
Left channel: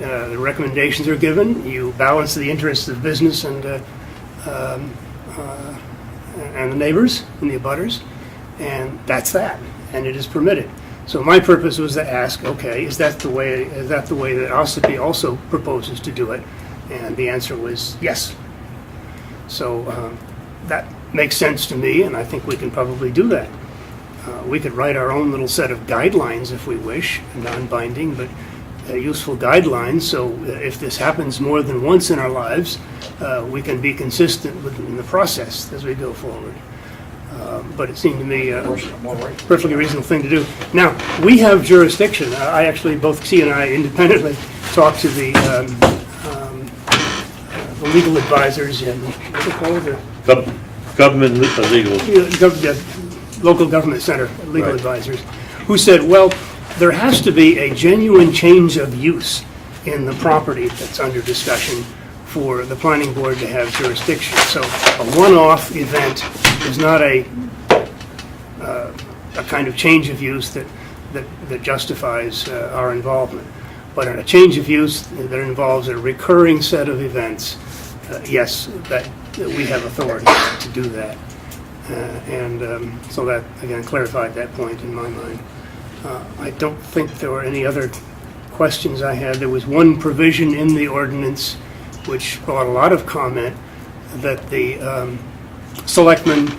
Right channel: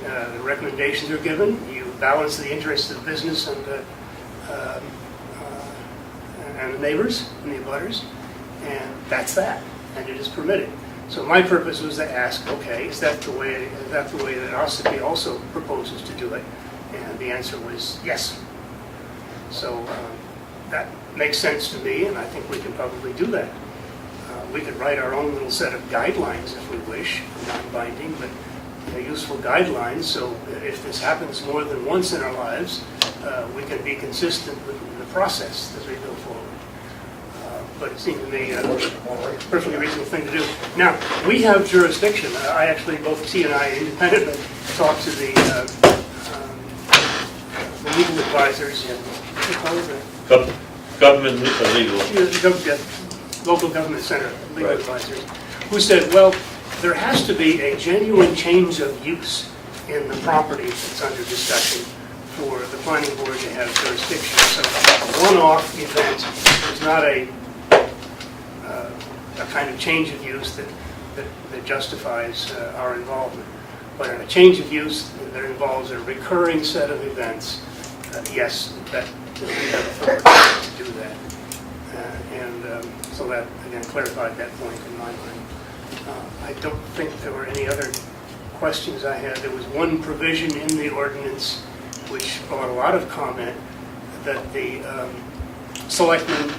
The recommendations are given, you balance the interests of business and the neighbors and the abutters, and that's that, and it is permitted. So my purpose was to ask, okay, is that the way that Ossipee also proposes to do it? And the answer was yes. So that makes sense to me, and I think we can probably do that. We could write our own little set of guidelines if we wish, non-binding, but useful guidelines, so if this happens more than once in our lives, we can be consistent in the process as we go forward. But it seemed to me a perfectly reasonable thing to do. Now, we have jurisdiction. I actually, both T and I independently talked to the legal advisors and, what's it called? Government legal. Local government center legal advisors, who said, well, there has to be a genuine change of use in the property that's under discussion for the planning board to have jurisdiction. So a one-off event is not a kind of change of use that justifies our involvement. But in a change of use that involves a recurring set of events, yes, that we have authority to do that. So that, again, clarified that point in my mind. I don't think there were any other questions I had. There was one provision in the ordinance which brought a lot of comment, that the selectmen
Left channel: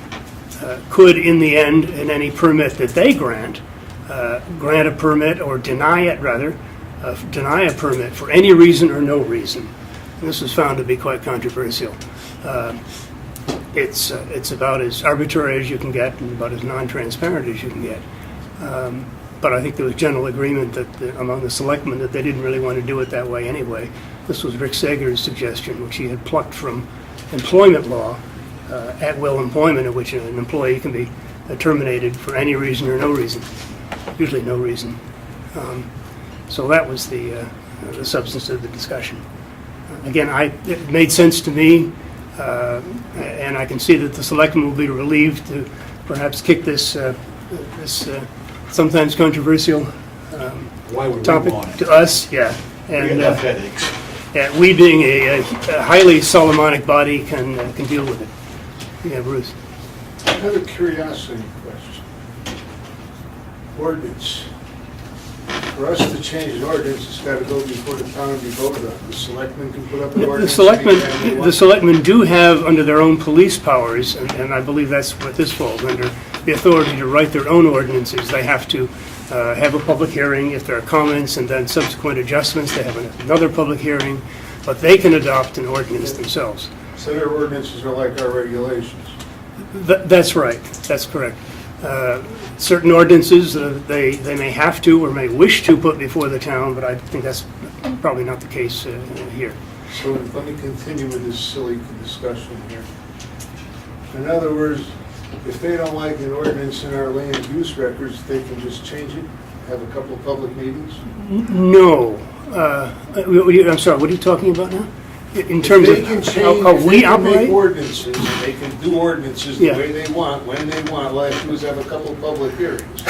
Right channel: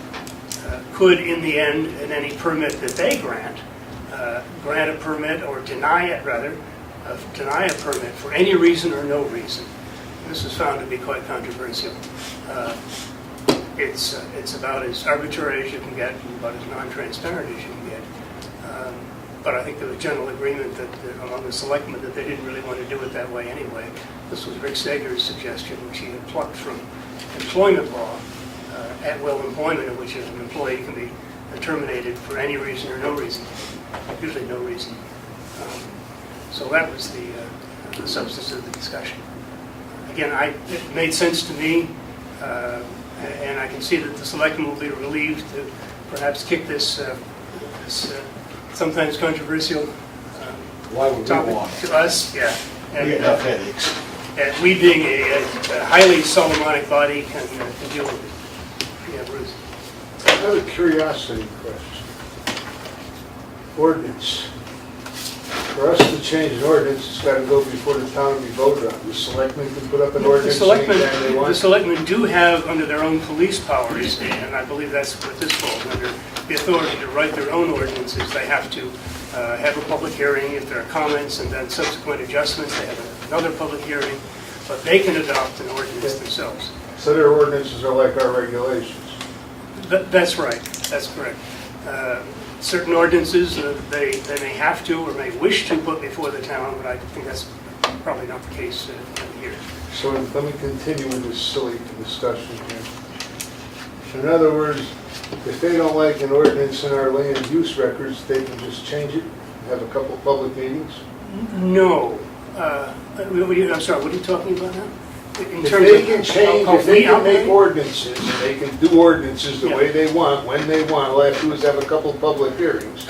could, in the end, in any permit that they grant a permit or deny it, rather, deny a permit for any reason or no reason. And this was found to be quite controversial. It's about as arbitrary as you can get and about as non-transparent as you can get. But I think there was general agreement that among the selectmen that they didn't really want to do it that way anyway. This was Rick Sager's suggestion, which he had plucked from employment law, at-will employment, in which an employee can be terminated for any reason or no reason, usually no reason. So that was the substance of the discussion. Again, it made sense to me, and I can see that the selectmen will be relieved to perhaps kick this sometimes controversial Why would we topic want it? to us, yeah. We And have headaches. we being a highly Solomonic body can deal with it. Yeah, Bruce. I have a curiosity question. Ordinance. For us to change an ordinance, it's got to go before the town and be voted on. The selectmen can put up an The ordinance. selectmen do have, under their own police powers, and I believe that's what this falls under, the authority to write their own ordinances. They have to have a public hearing if there are comments, and then subsequent adjustments. They have another public hearing, but they can adopt an ordinance themselves. So their ordinances are like our regulations. That's right, that's correct. Certain ordinances, they may have to or may wish to put before the town, but I think that's probably not the case here. So let me continue with this silly discussion here. In other words, if they don't like an ordinance in our land use records, they can just change it, have a couple public meetings? No. I'm sorry, what are you talking about now? In If terms they of can change, how if we they can make operate? ordinances, they can do ordinances the Yeah. way they want, when they want, all they have to do is have a couple of public hearings.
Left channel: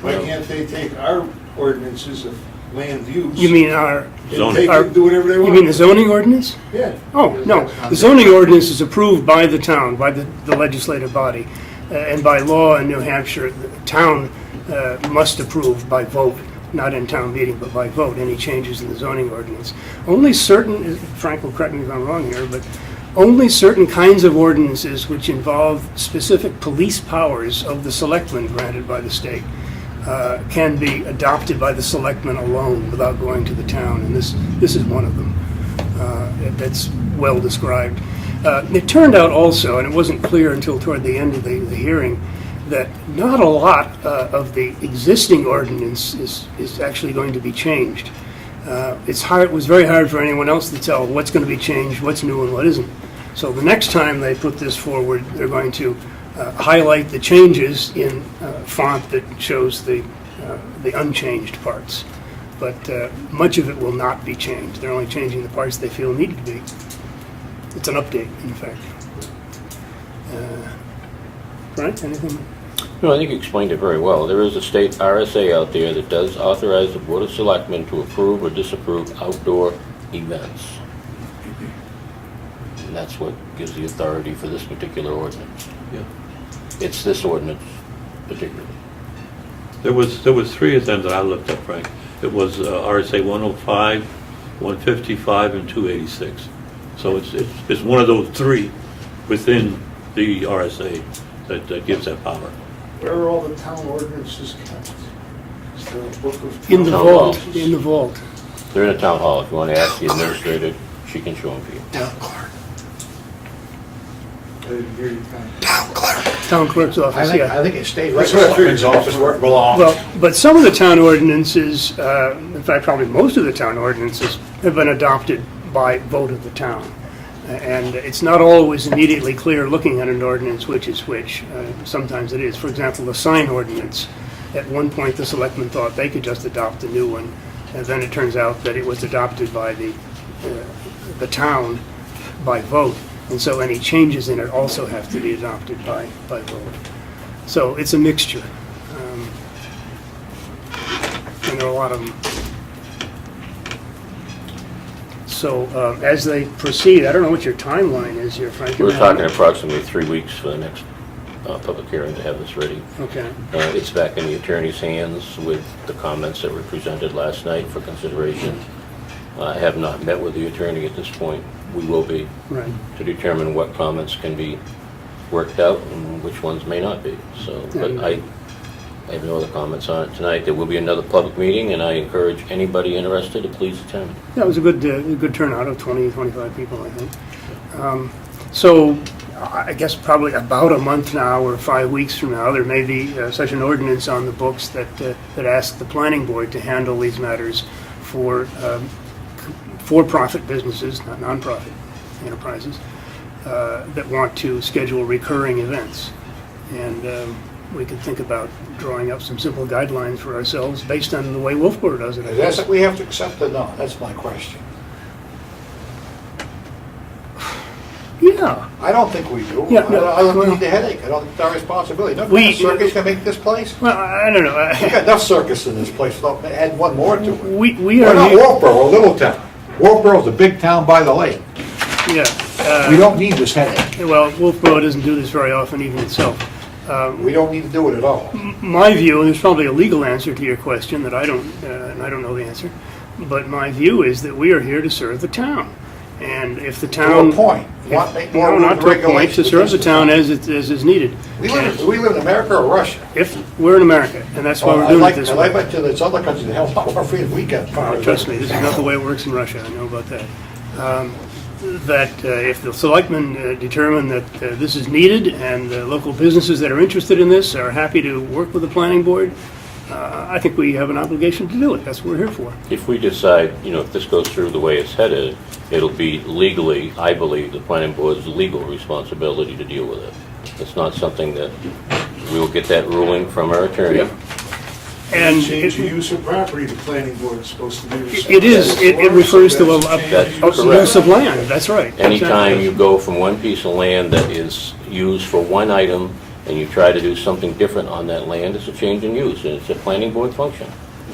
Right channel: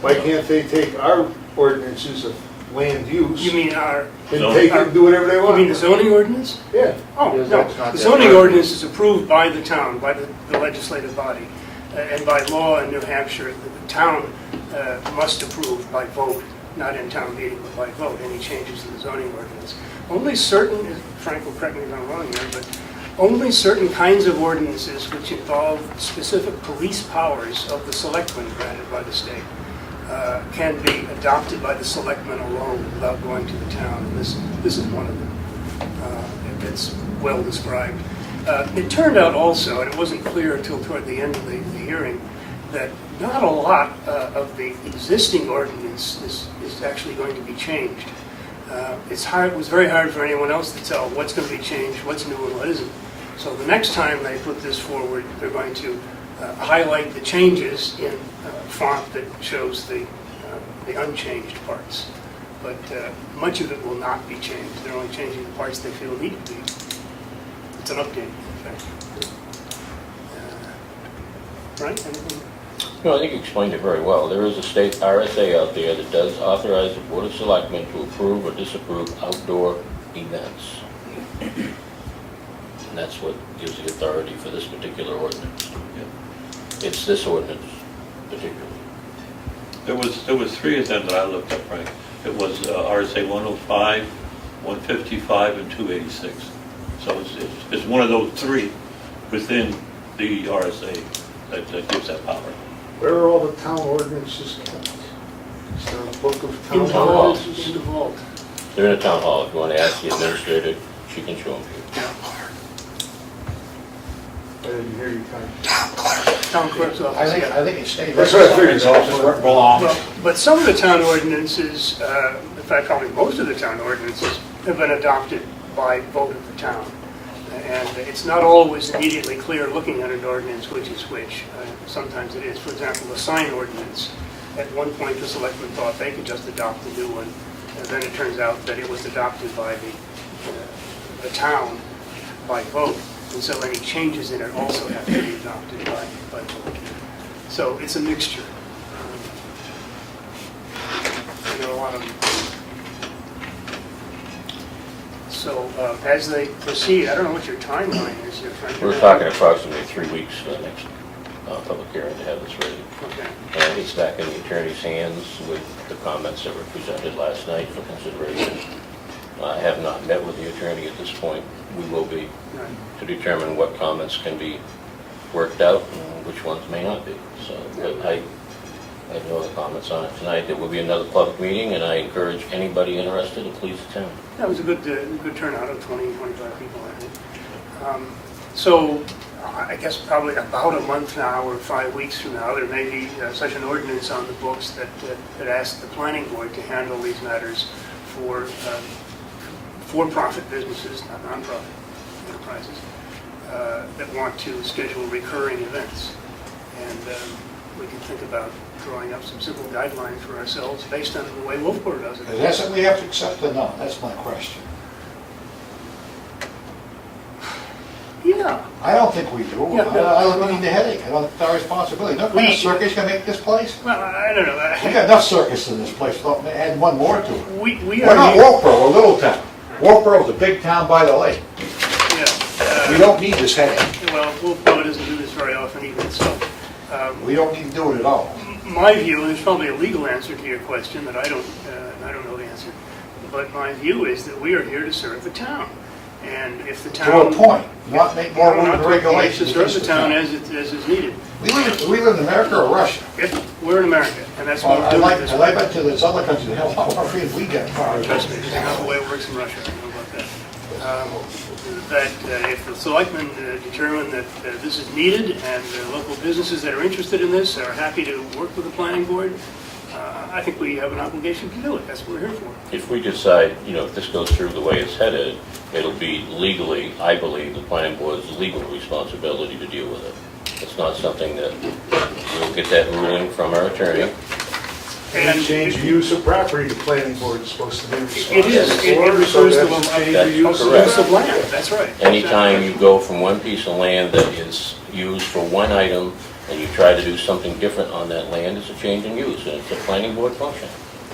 Why can't they take our ordinances of land use? You mean our, And they can do whatever they you want? mean the zoning ordinance? Yeah. Oh, no. The zoning ordinance is approved by the town, by the legislative body. And by law in New Hampshire, the town must approve by vote, not in town meeting, but by vote, any changes in the zoning ordinance. Only certain, Frank will correct me if I'm wrong here, but only certain kinds of ordinances which involve specific police powers of the selectmen granted by the state can be adopted by the selectmen alone without going to the town, and this is one of them. That's well described. It turned out also, and it wasn't clear until toward the end of the hearing, that not a lot of the existing ordinance is actually going to be changed. It was very hard for anyone else to tell what's going to be changed, what's new and what isn't. So the next time they put this forward, they're going to highlight the changes in font that shows the unchanged parts. But much of it will not be changed. They're only changing the parts they feel need to be. It's an update, in fact. Frank, anything? No, I think you explained it very well. There is a state RSA out there that does authorize the Board of Selectmen to approve or disapprove outdoor events. And that's what gives the authority for this particular ordinance. Yeah. It's this ordinance particularly. There was three of them that I looked up, right? It was RSA 105, 155, and 286. So it's one of those three within the RSA that gives that power. Where are all the town ordinances kept? Is there a book of town In the vault. ordinances? In the vault. They're in a town hall. If you want to ask the administrator, she can show them to you. Town clerk. I didn't hear you kind of. Town clerk. Town clerk's office, yeah. I think it stayed right That's what I figured. in office where it belongs. Well, but some of the town ordinances, in fact, probably most of the town ordinances, have been adopted by vote of the town. And it's not always immediately clear looking at an ordinance which is which. Sometimes it is. For example, the sign ordinance. At one point, the selectmen thought they could just adopt a new one. And then it turns out that it was adopted by the town by vote. And so any changes in it also have to be adopted by vote. So it's a mixture. And there are a lot of them. So as they proceed, I don't know what your timeline is here, Frank. We're talking approximately 3 weeks for the next public hearing to have this ready. Okay. And it's back in the attorney's hands with the comments that were presented last night for consideration. I have not met with the attorney at this point. We will be, Right. to determine what comments can be worked out and which ones may not be. So, but I have no other comments on it tonight. There will be another public meeting, and I encourage anybody interested to please attend. That was a good turnout of 20, 25 people, I think. So I guess probably about a month now or 5 weeks from now, there may be such an ordinance on the books that asks the planning board to handle these matters for for-profit businesses, not non-profit enterprises, that want to schedule recurring events. And we could think about drawing up some simple guidelines for ourselves based on the way Wolfboro does it. Is that something we have to accept or not? That's my question. Yeah. I don't think we do. Yeah, no, I don't well- need the headache. I don't, it's our responsibility. No We- kind of circus can make this place. Well, I don't know. We got enough circus in this place. Don't add one more to it. We We're are not here, Wolfboro, a little town. Wolfboro's a big town by the lake. yeah. We don't need this headache. Well, Wolfboro doesn't do this very often even itself. We don't need to do it at all. My view, there's probably a legal answer to your question that I don't know the answer, but my view is that we are here to serve the town. And if the To town... a point. Want to make more Well, not to a point, regulations. to serve the against town as is needed. We live in America or Russia? If, we're in America, and that's why Oh, we're I doing like it this to way. there's other countries that have a lot more freedom we got. Trust me, this is not the way it works in Russia, I know about that. If the selectmen determine that this is needed and local businesses that are interested in this are happy to work with the planning board, I think we have an obligation to do it. That's what we're here for. If we decide, if this goes through the way it's headed, it'll be legally, I believe, the planning board's legal responsibility to deal with it. It's not something that we'll get that ruling from our attorney. And Change the use of property, the planning board is supposed to be responsible. it is, it refers to So that's a change the use of use of property. land, that's right. Anytime you go from one piece of land that is used for one item and you try to do something different on that land, it's a change in use, and it's a planning board function.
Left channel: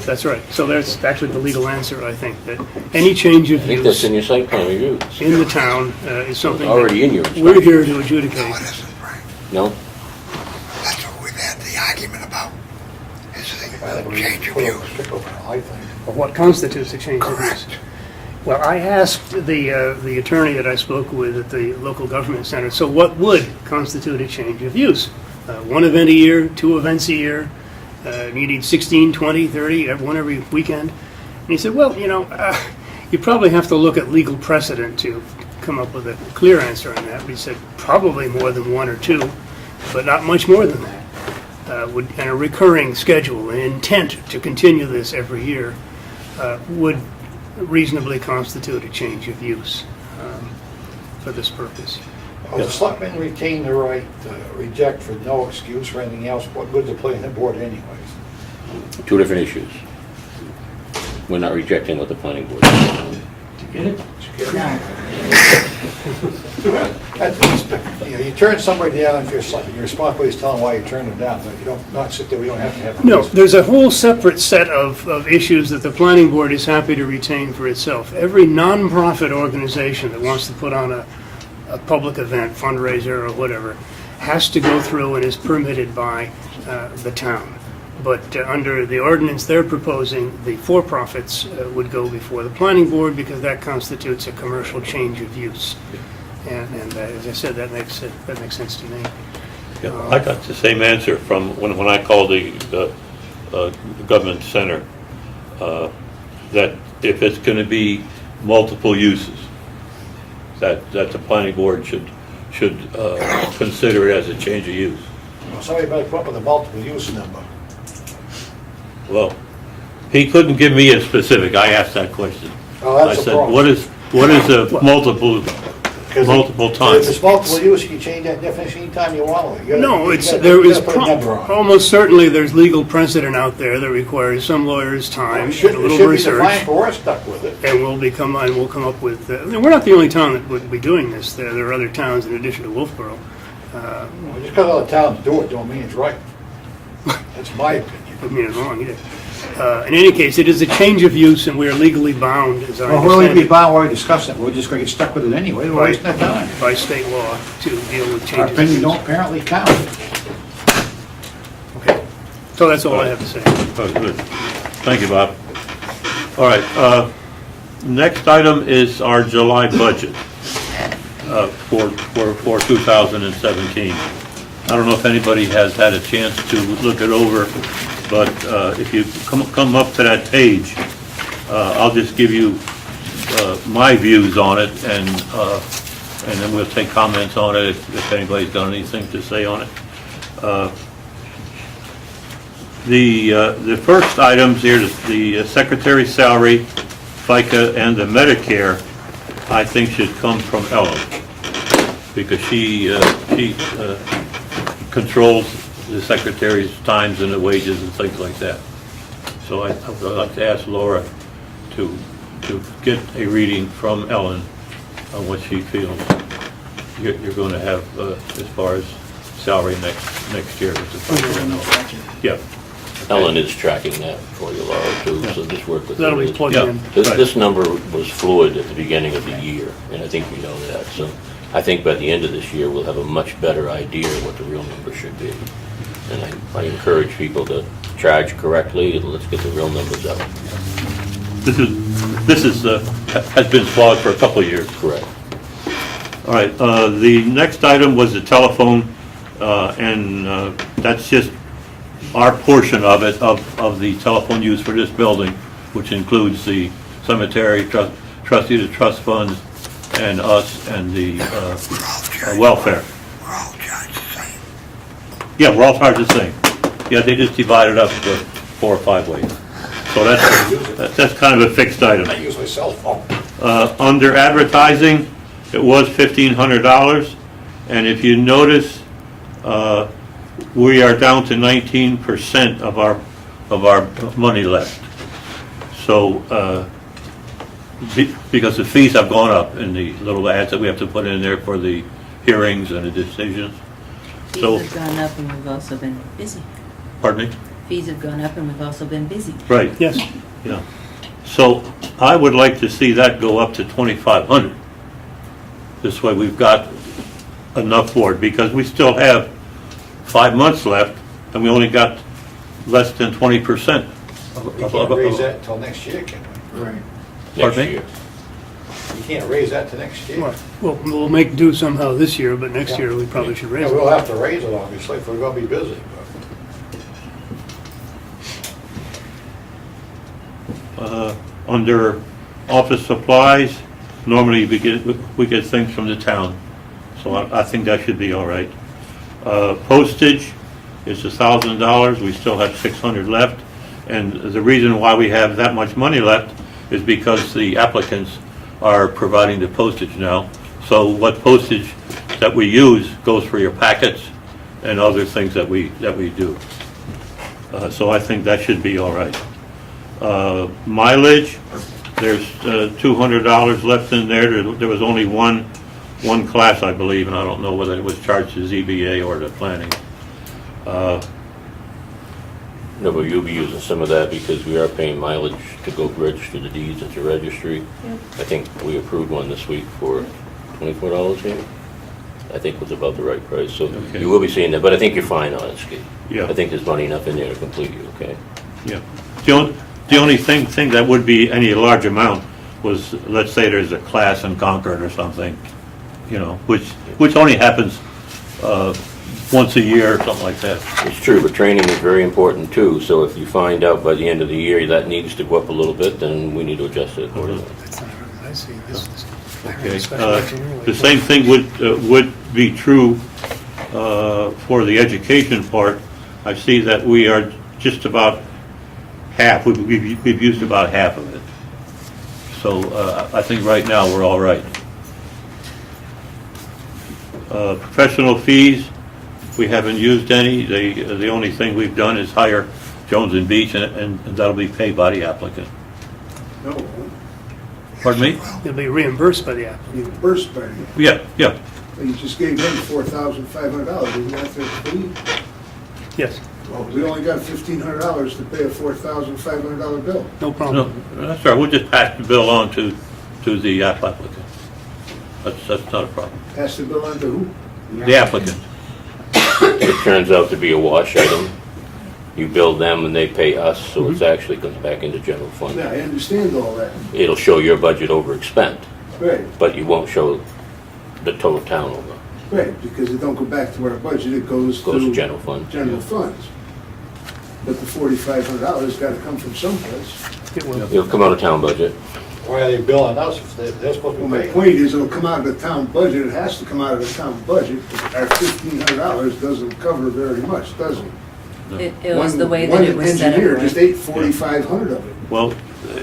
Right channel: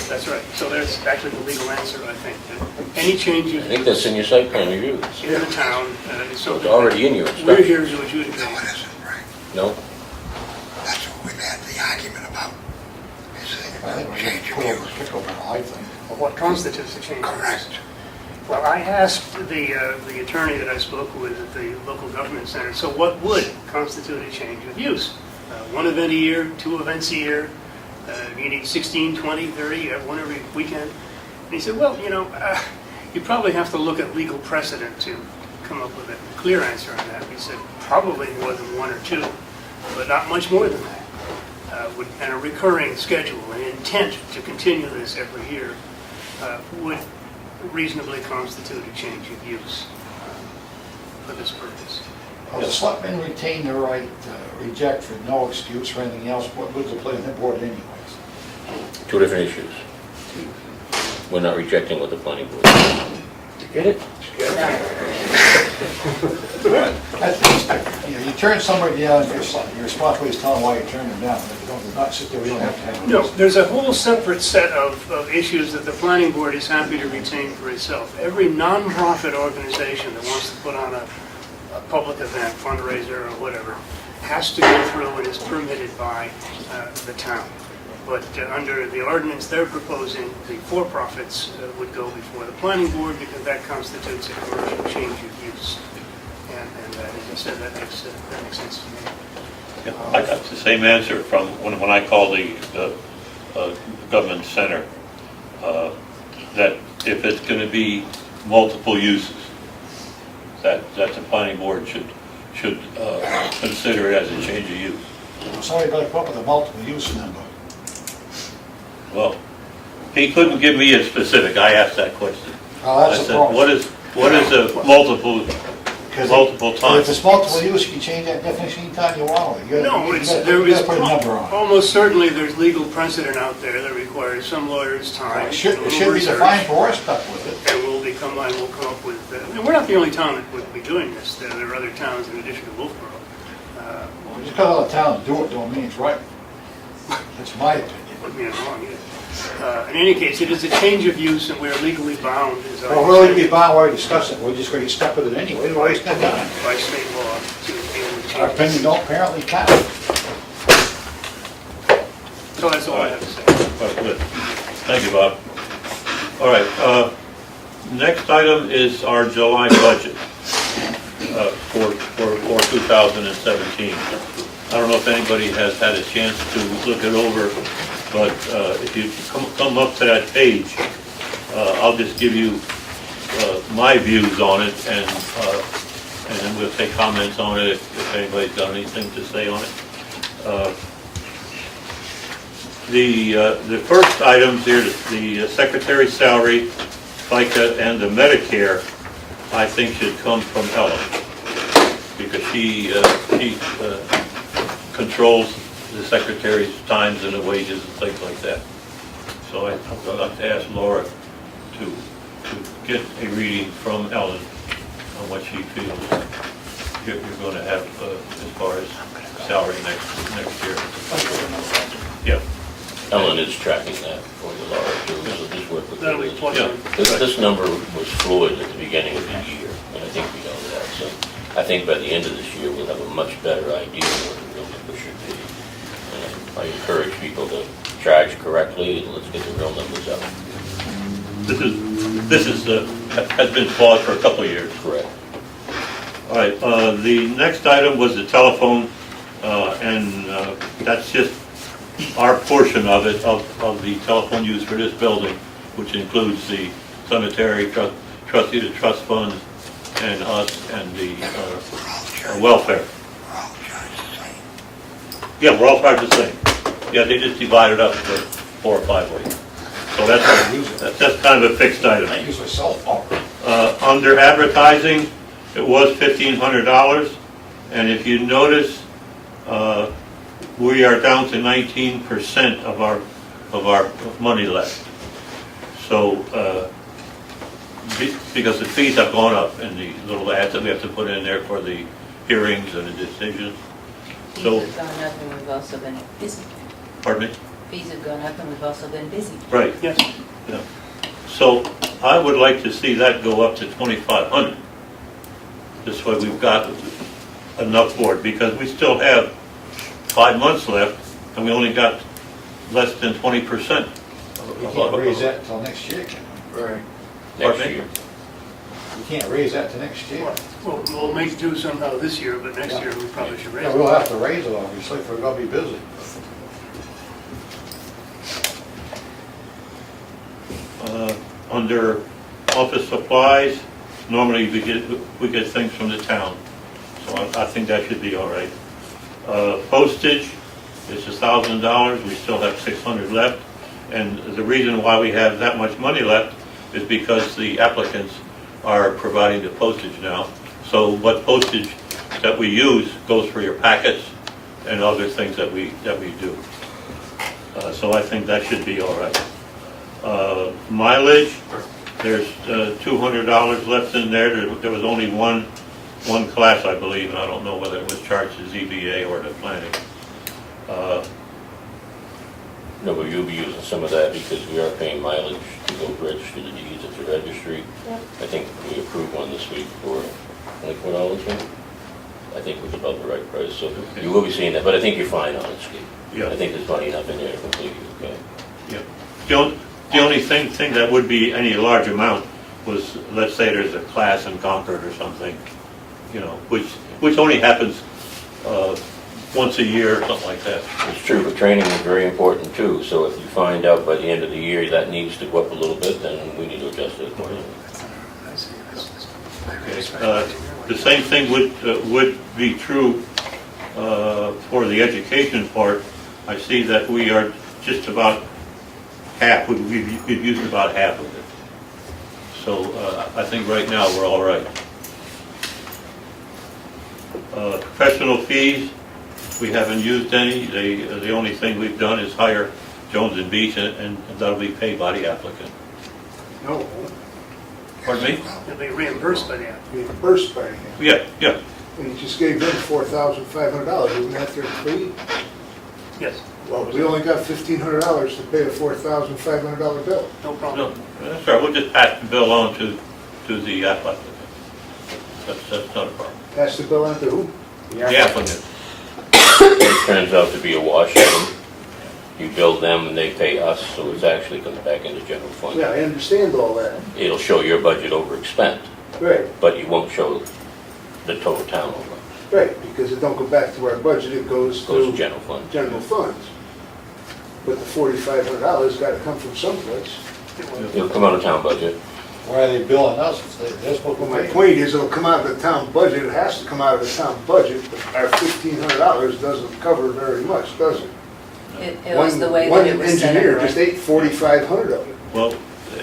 That's right. So that's actually the legal answer, I think, that any change I of think that's use in your site plan review. in the town is something It's already in your that we're inspection. here to No, adjudicate. it isn't, Frank. No? That's what we've had the argument about, is I think the we change of put a use. sticker on it, I think. Of what constitutes a change of use. Correct. Well, I asked the attorney that I spoke with at the local government center, so what would constitute a change of use? One event a year, 2 events a year, meeting 16, 20, 30, one every weekend? And he said, well, you probably have to look at legal precedent to come up with a clear answer on that. He said, probably more than 1 or 2, but not much more than that. And a recurring schedule, an intent to continue this every year would reasonably constitute a change of use for this purpose. Well, the selectmen retain the right to reject for no excuse or anything else. What would the planning board anyways? Two different issues. We're not rejecting what the planning board. Did you get it? You turn somebody down if you're responsible, is telling why you turned them down, but if you don't, not sit there, we don't have to have. No, there's a whole separate set of issues that the planning board is happy to retain for itself. Every nonprofit organization that wants to put on a public event, fundraiser or whatever, has to go through and is permitted by the town. But under the ordinance they're proposing, the for-profits would go before the planning board because that constitutes a commercial change of use. And as I said, that makes sense to me. Yeah, I got the same answer from when I called the government center, that if it's going to be multiple uses, that the planning board should consider it as a change of use. Somebody better come up with a multiple use number. Well, he couldn't give me a specific. I asked that question. Oh, I that's the said, problem. what is a multiple If times? it's multiple use, you can change that definition anytime you want. No, You it's, gotta- there you is, gotta put a number on it. almost certainly there's legal precedent out there that requires some lawyer's time, It a should little be research, defined, but we're stuck with it. and we'll come up with, we're not the only town that would be doing this, there are other towns in addition to Wolfboro. Just because other towns do it, don't mean it's right. That's my opinion. Put me wrong, either. In any case, it is a change of use and we're legally bound, as I Well, we'll understand be it, bound, we're discussing it, we're just gonna get stuck with it anyway, we're wasting our time. by state law to deal with Our changes. opinion don't apparently count. So that's all I have to say. Oh, good. Thank you, Bob. All right, next item is our July budget for 2017. I don't know if anybody has had a chance to look it over, but if you come up to that page, I'll just give you my views on it, and then we'll take comments on it if anybody's got anything to say on it. The first items here, the secretary's salary, FICA, and the Medicare, I think should come from Ella, because she controls the secretary's times and the wages and things like that. So I'd like to ask Laura to get a reading from Ellen on what she feels you're going to have as far as salary next year. Yeah. Ellen is tracking that for you, Laura, too, so just work with her. That'll be plugged Yeah. in. This number was fluid at the beginning of the year, and I think we know that. So I think by the end of this year, we'll have a much better idea of what the real number should be. And I encourage people to charge correctly, and let's get the real numbers up. This has been flawed for a couple of years. Correct. All right, the next item was the telephone, and that's just our portion of it, of the telephone use for this building, which includes the cemetery, trustee of the trust fund, and us, and the welfare. We're all charged the same. Yeah, we're all charged the same. Yeah, they just divide it up to 4 or 5 ways. So that's kind of a fixed item. I use my cell phone. Under advertising, it was $1,500, and if you notice, we are down to 19% of our money left. So, because the fees have gone up in the little ads that we have to put in there for the hearings and the decisions. So, Fees have gone up and we've also been busy. pardon me? Fees have gone up and we've also been busy. Right. Yes. Yeah. So I would like to see that go up to 2,500. This way we've got enough for it, because we still have 5 months left and we only got less than 20%. You can't raise that until next year, can we? Right. Next Pardon me? year. You can't raise that to next year. Well, we'll make do somehow this year, but next year we probably should raise Yeah, it. we'll have to raise it, obviously, if we're gonna be busy. Under office supplies, normally we get things from the town, so I think that should be all right. Postage is $1,000, we still have 600 left, and the reason why we have that much money left is because the applicants are providing the postage now. So what postage that we use goes for your packets and other things that we do. So I think that should be all right. Mileage, there's $200 left in there. There was only one class, I believe, and I don't know whether it was charged to ZBA or to planning. No, but you'll be using some of that because we are paying mileage to go register the deeds at the registry. Yep. I think we approved one this week for $24, yeah? I think was about the right price, so Okay. you will be seeing that, but I think you're fine, honestly. Yeah. I think there's money enough in there to complete you, okay? Yeah. The only thing that would be any large amount was, let's say there's a class in Concord or something, you know, which only happens once a year or something like that. It's true, but training is very important too, so if you find out by the end of the year that needs to go up a little bit, then we need to adjust it accordingly. I see. Okay. The same thing would be true for the education part. I see that we are just about half, we've used about half of it. So I think right now we're all right. Professional fees, we haven't used any. The only thing we've done is hire Jones and Beach, and that'll be paid by the applicant. No, Pardon me? It'll be reimbursed by the applicant. reimbursed by you. Yeah. And you just gave him $4,500, we got their fee. Yes, Well, we only got $1,500 to pay a $4,500 bill. no No, problem. that's all right. We'll just pass the bill on to the applicant. That's not a problem. Pass the bill on to who? The applicant. It turns out to be a wash item. You bill them and they pay us, so it's actually comes back into general fund. Yeah, I understand all that. It'll show your budget over expend, Right, but you won't show the total town over. right, because it don't go back to our budget, it goes Goes to to general fund. general funds. But the $4,500 gotta come from someplace. It will. It'll come out of town budget. Why are they billing us if they're supposed Well, to my pay? point is, it'll come out of the town budget, it has to come out of the town budget, but our $1,500 doesn't cover very much, does it? It was the way that it was set One engineer up, just right? ate 4,500 of it. Well,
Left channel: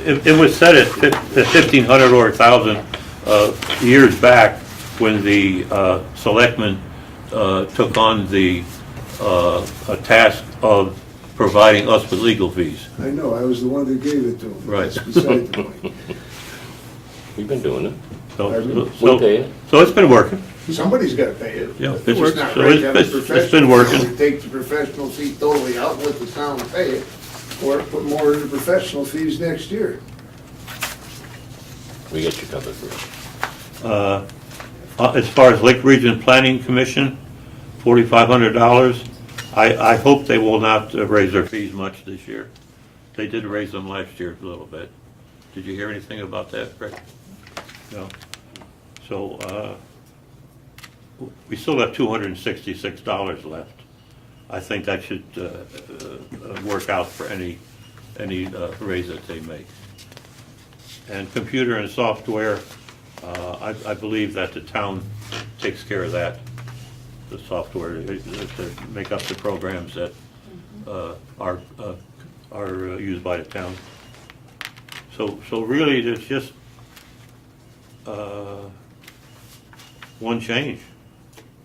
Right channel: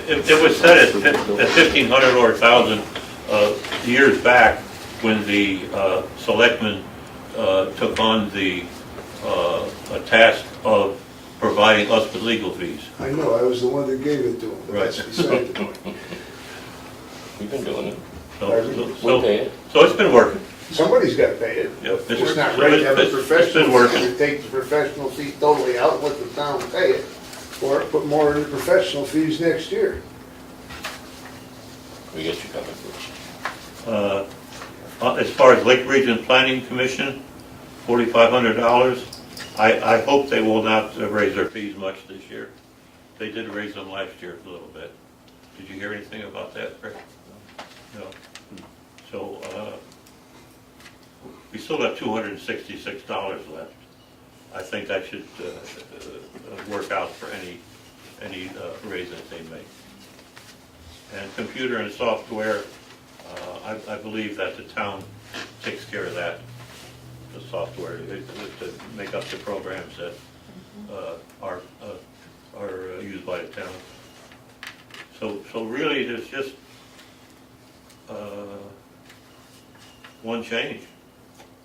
it was set at 1,500 or 1,000 years back when the selectmen took on the a task of providing us with legal fees. I know, I was the one that gave it to him. Right. That's beside the point. We've been doing it. So pay it. so it's been working. Somebody's gotta pay it. Yeah, It's not so right to have a it's been professional working. fee. We take the professional fee totally out, let the town pay it, or put more in professional fees next year. We get you covered, Bruce. As far as Lake Region Planning Commission, $4,500. I hope they will not raise their fees much this year. They did raise them last year a little bit. Did you hear anything about that, Rick? No. So, we still have $266 left. I think that should work out for any raise that they make. And computer and software, I believe that the town takes care of that, the software, to make up the programs that are used by the town. So really, there's just one change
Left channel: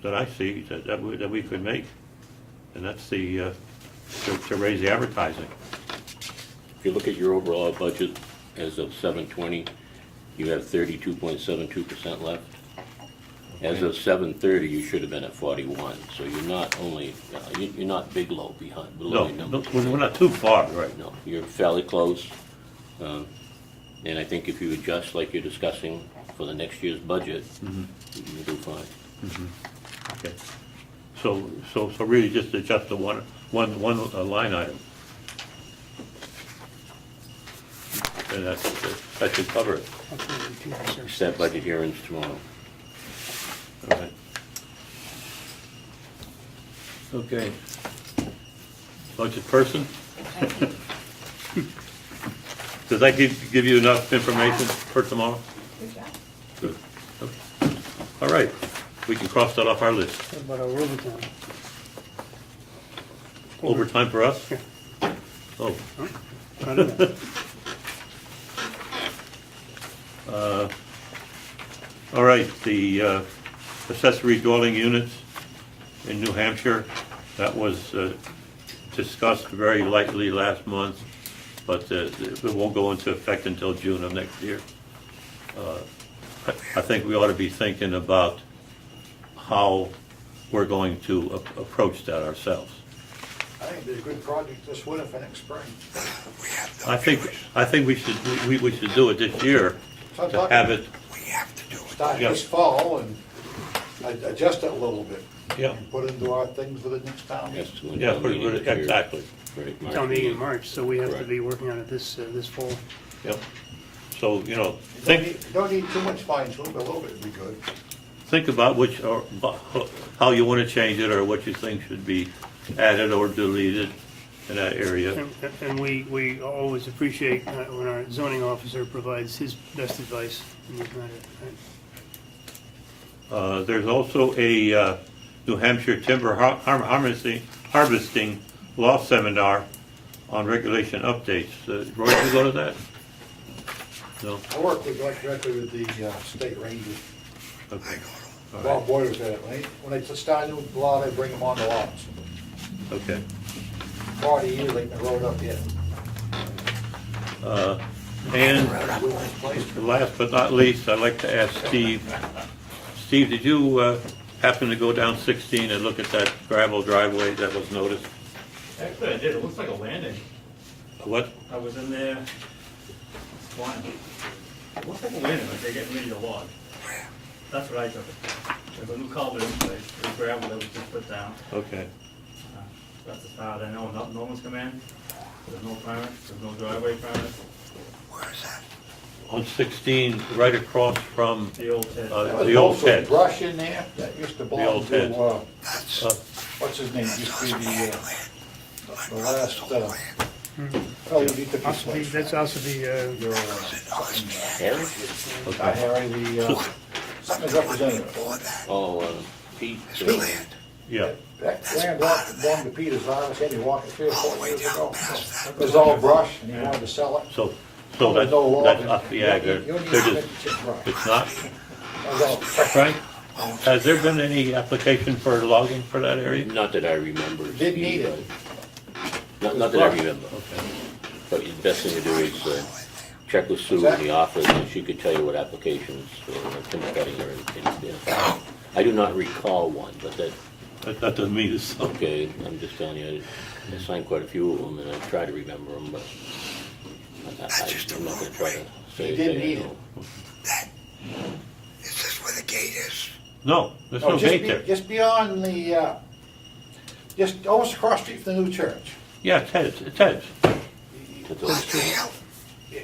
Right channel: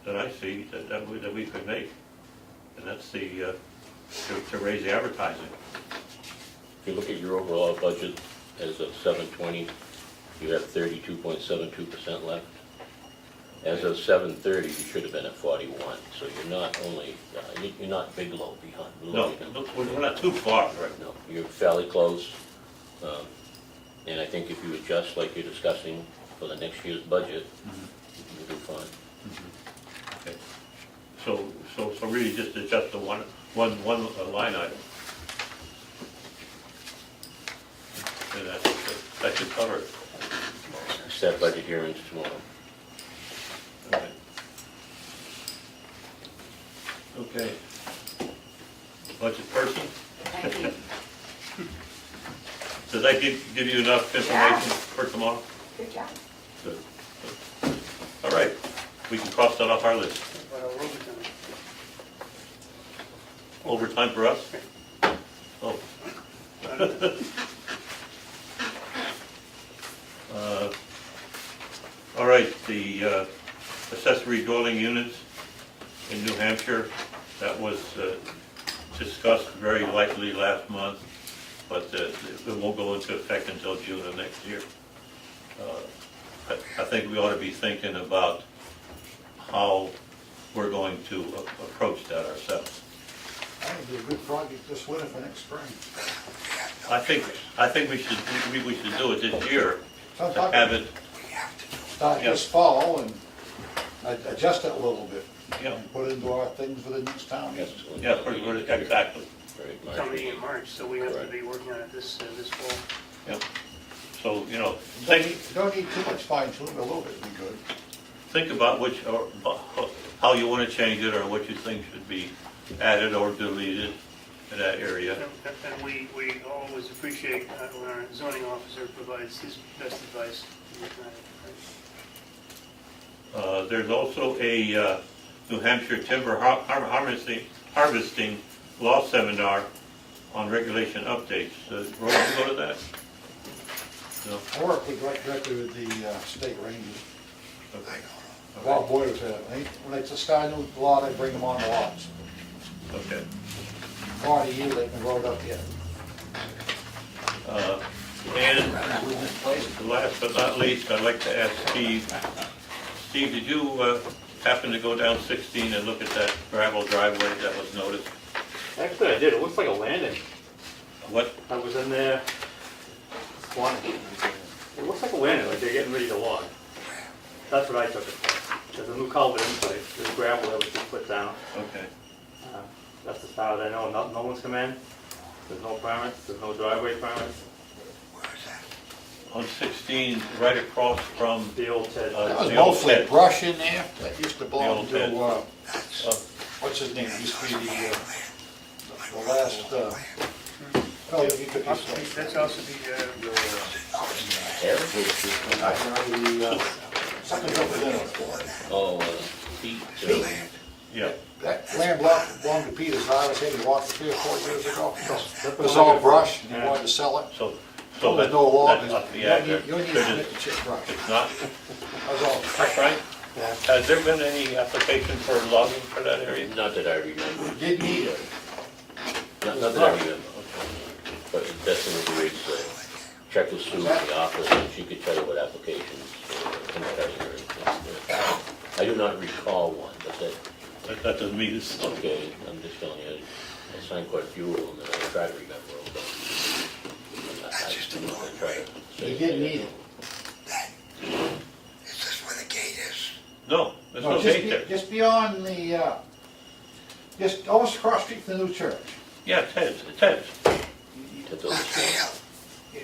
that I see that we could make, and that's the to raise the advertising. If you look at your overall budget as of 7/20, you have 32.72% left. As of 7/30, you should have been at 41, so you're not only, you're not big low behind. No, below. we're not too far, right? No, you're fairly close. And I think if you adjust like you're discussing for the next year's budget, you'll do fine. Okay. So really just adjust the one line item. And that should cover it. Set budget hearings tomorrow. All right. Okay. Budget person? Does that give you enough information for tomorrow? Good job. Good. All right, we can cross that off our list. What about our overtime? Overtime for us? Oh. All right, the accessory dwelling units in New Hampshire, that was discussed very lightly last month, but it won't go into effect until June of next year. I think we ought to be thinking about how we're going to approach that ourselves. I think it's a good project this winter for next spring. I think we should do it this year to have it. Start this fall and adjust it a little bit. Yeah. And put it into our things for the next town meeting. Yeah, pretty good, exactly. Right, Town meeting in March, so we have to be working on it this fall. Yep. So, you know, Don't need too much fine tune, but a little bit would be good. think about how you want to change it, or what you think should be added or deleted in that area. And we always appreciate when our zoning officer provides his best advice. There's also a New Hampshire timber harvesting law seminar on regulation updates. Roy, you go to that? No? I work directly with the state rangers. Okay. Bob Boyer's at it. When they start a new law, they bring them on the lots. Okay. 40 years they've been rolled up yet. And last but not least, I'd like to ask Steve. Steve, did you happen to go down 16 and look at that gravel driveway that was noticed? Actually, I did. It looks like a landing. What? I was in there squatting. It looks like a landing, like they're getting ready to log. That's what I took it for. There's a new culvert in place. There's gravel that was just put down. Okay. That's as far as I know. No one's come in. There's no permits. There's no driveway permits. On 16, right across from The old Ted. the old Also Ted. brush in there that used to The belong old Ted. to, what's his name, used to be the last, oh, you could be. That's also the, Something representative. Oh, Pete. Yeah. That land belonged to Peter's house, and he walked 3 or 4 years ago. It was all brush, and he wanted to sell it. So There's no law. that's up the end there. It's not, That's all. Frank? Has there been any application for logging for that area? Not that I remember. Didn't need it. Not that I remember. But the best thing to do is check with Sue in the office, and she could tell you what applications, or couldn't tell you or I do not recall one, but That doesn't mean it's, okay, I'm just telling you, I signed quite a few of them, and I try to remember them, but. That's just a roadway. You didn't need it. That, is this where the gate is? no, there's No, no gate there. just beyond the, just almost across the street from the new church. Yeah, it's heads, it's heads. That's On the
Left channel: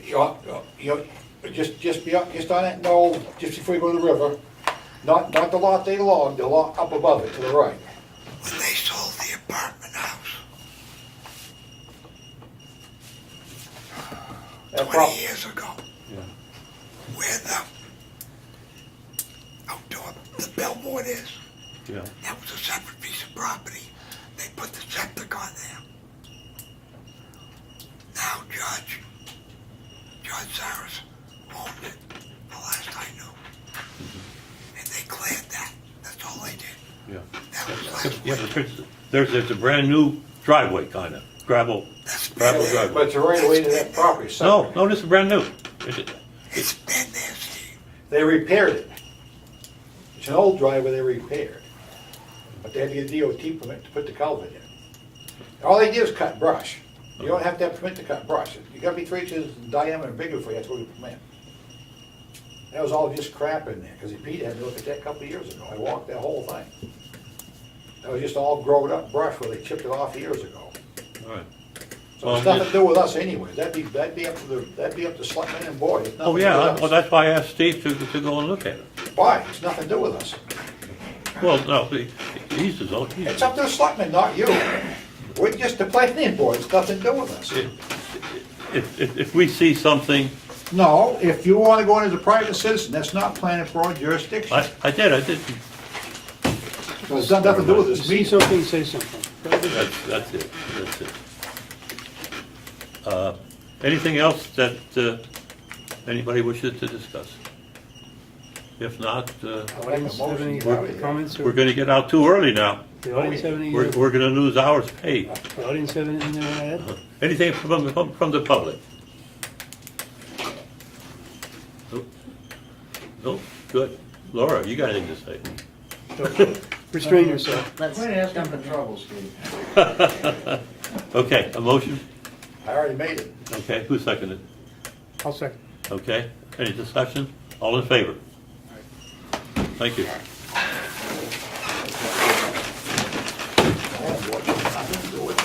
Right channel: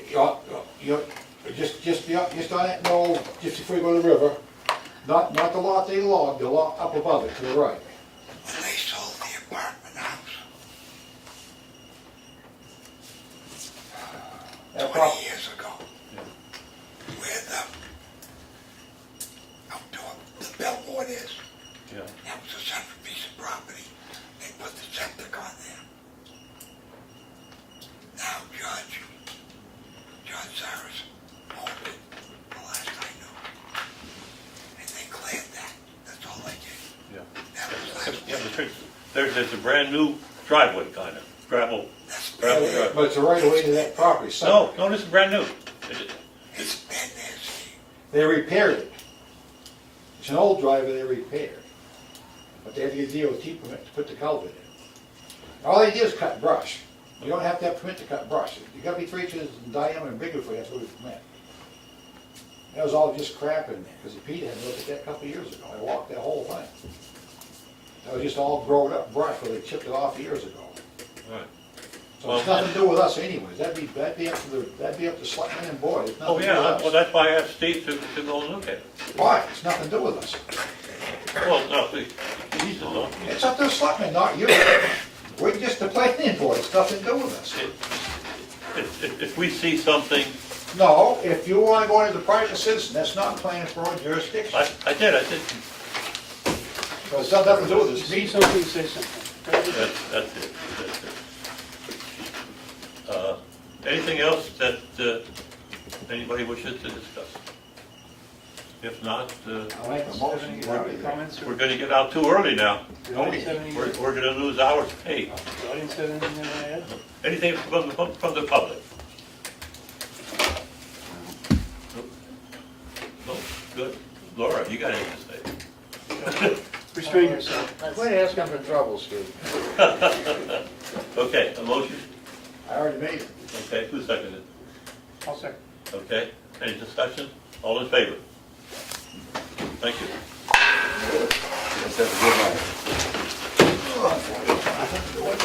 hill. You're, just beyond, just on that knoll, just before you go to the river. Not the lot they logged, the lot up above it to the right. When they sold the apartment house That 20 years ago, Yeah. where the outdoor, the billboard is, Yeah. that was a separate piece of property. They put the septic on there. Now Judge Cyrus owned it, the last I knew. And they cleared that, that's all they did. Yeah. That was last Yeah, week. there's a brand new driveway kind of, gravel driveway. But it's a right away to that property. No, this is brand new. It's been there, Steve. They repaired it. It's an old driveway they repaired. But they had to get a DOT permit to put the culvert in. All they do is cut brush. You don't have to have permit to cut brush. You gotta be 3 inches in diameter and bigger for you, that's what we permit. That was all just crap in there, because Pete had me look at that a couple of years ago. I walked that whole thing. That was just all grown up brush where they chipped it off years ago. Right. So it's nothing to do with us anyways. That'd be up to the Selectmen and Board. It's Oh, nothing to do yeah, with well, us. that's why I asked Steve to go and look at it. Why? It's nothing to do with us. Well, no, he's his own. It's up to the Selectmen, not you. We're just the planning board. It's nothing to do with us. If we see something, No, if you wanna go into the private citizen, that's not planning board jurisdiction. I did. So it's got nothing to do with us. See something, say something. That's it. Anything else that anybody wishes to discuss? If not, Audience have any comments? we're gonna get out too early now. The audience have any, We're gonna lose hours paid. the audience have anything they want to add? Anything from the public? No, good. Laura, you got anything to say? Restrain yourself. Quit asking for trouble, Steve. Okay, a motion? I already made it. Okay, who seconded? I'll second. Okay, any discussion? All in favor? Thank you. Oh, boy, I don't know what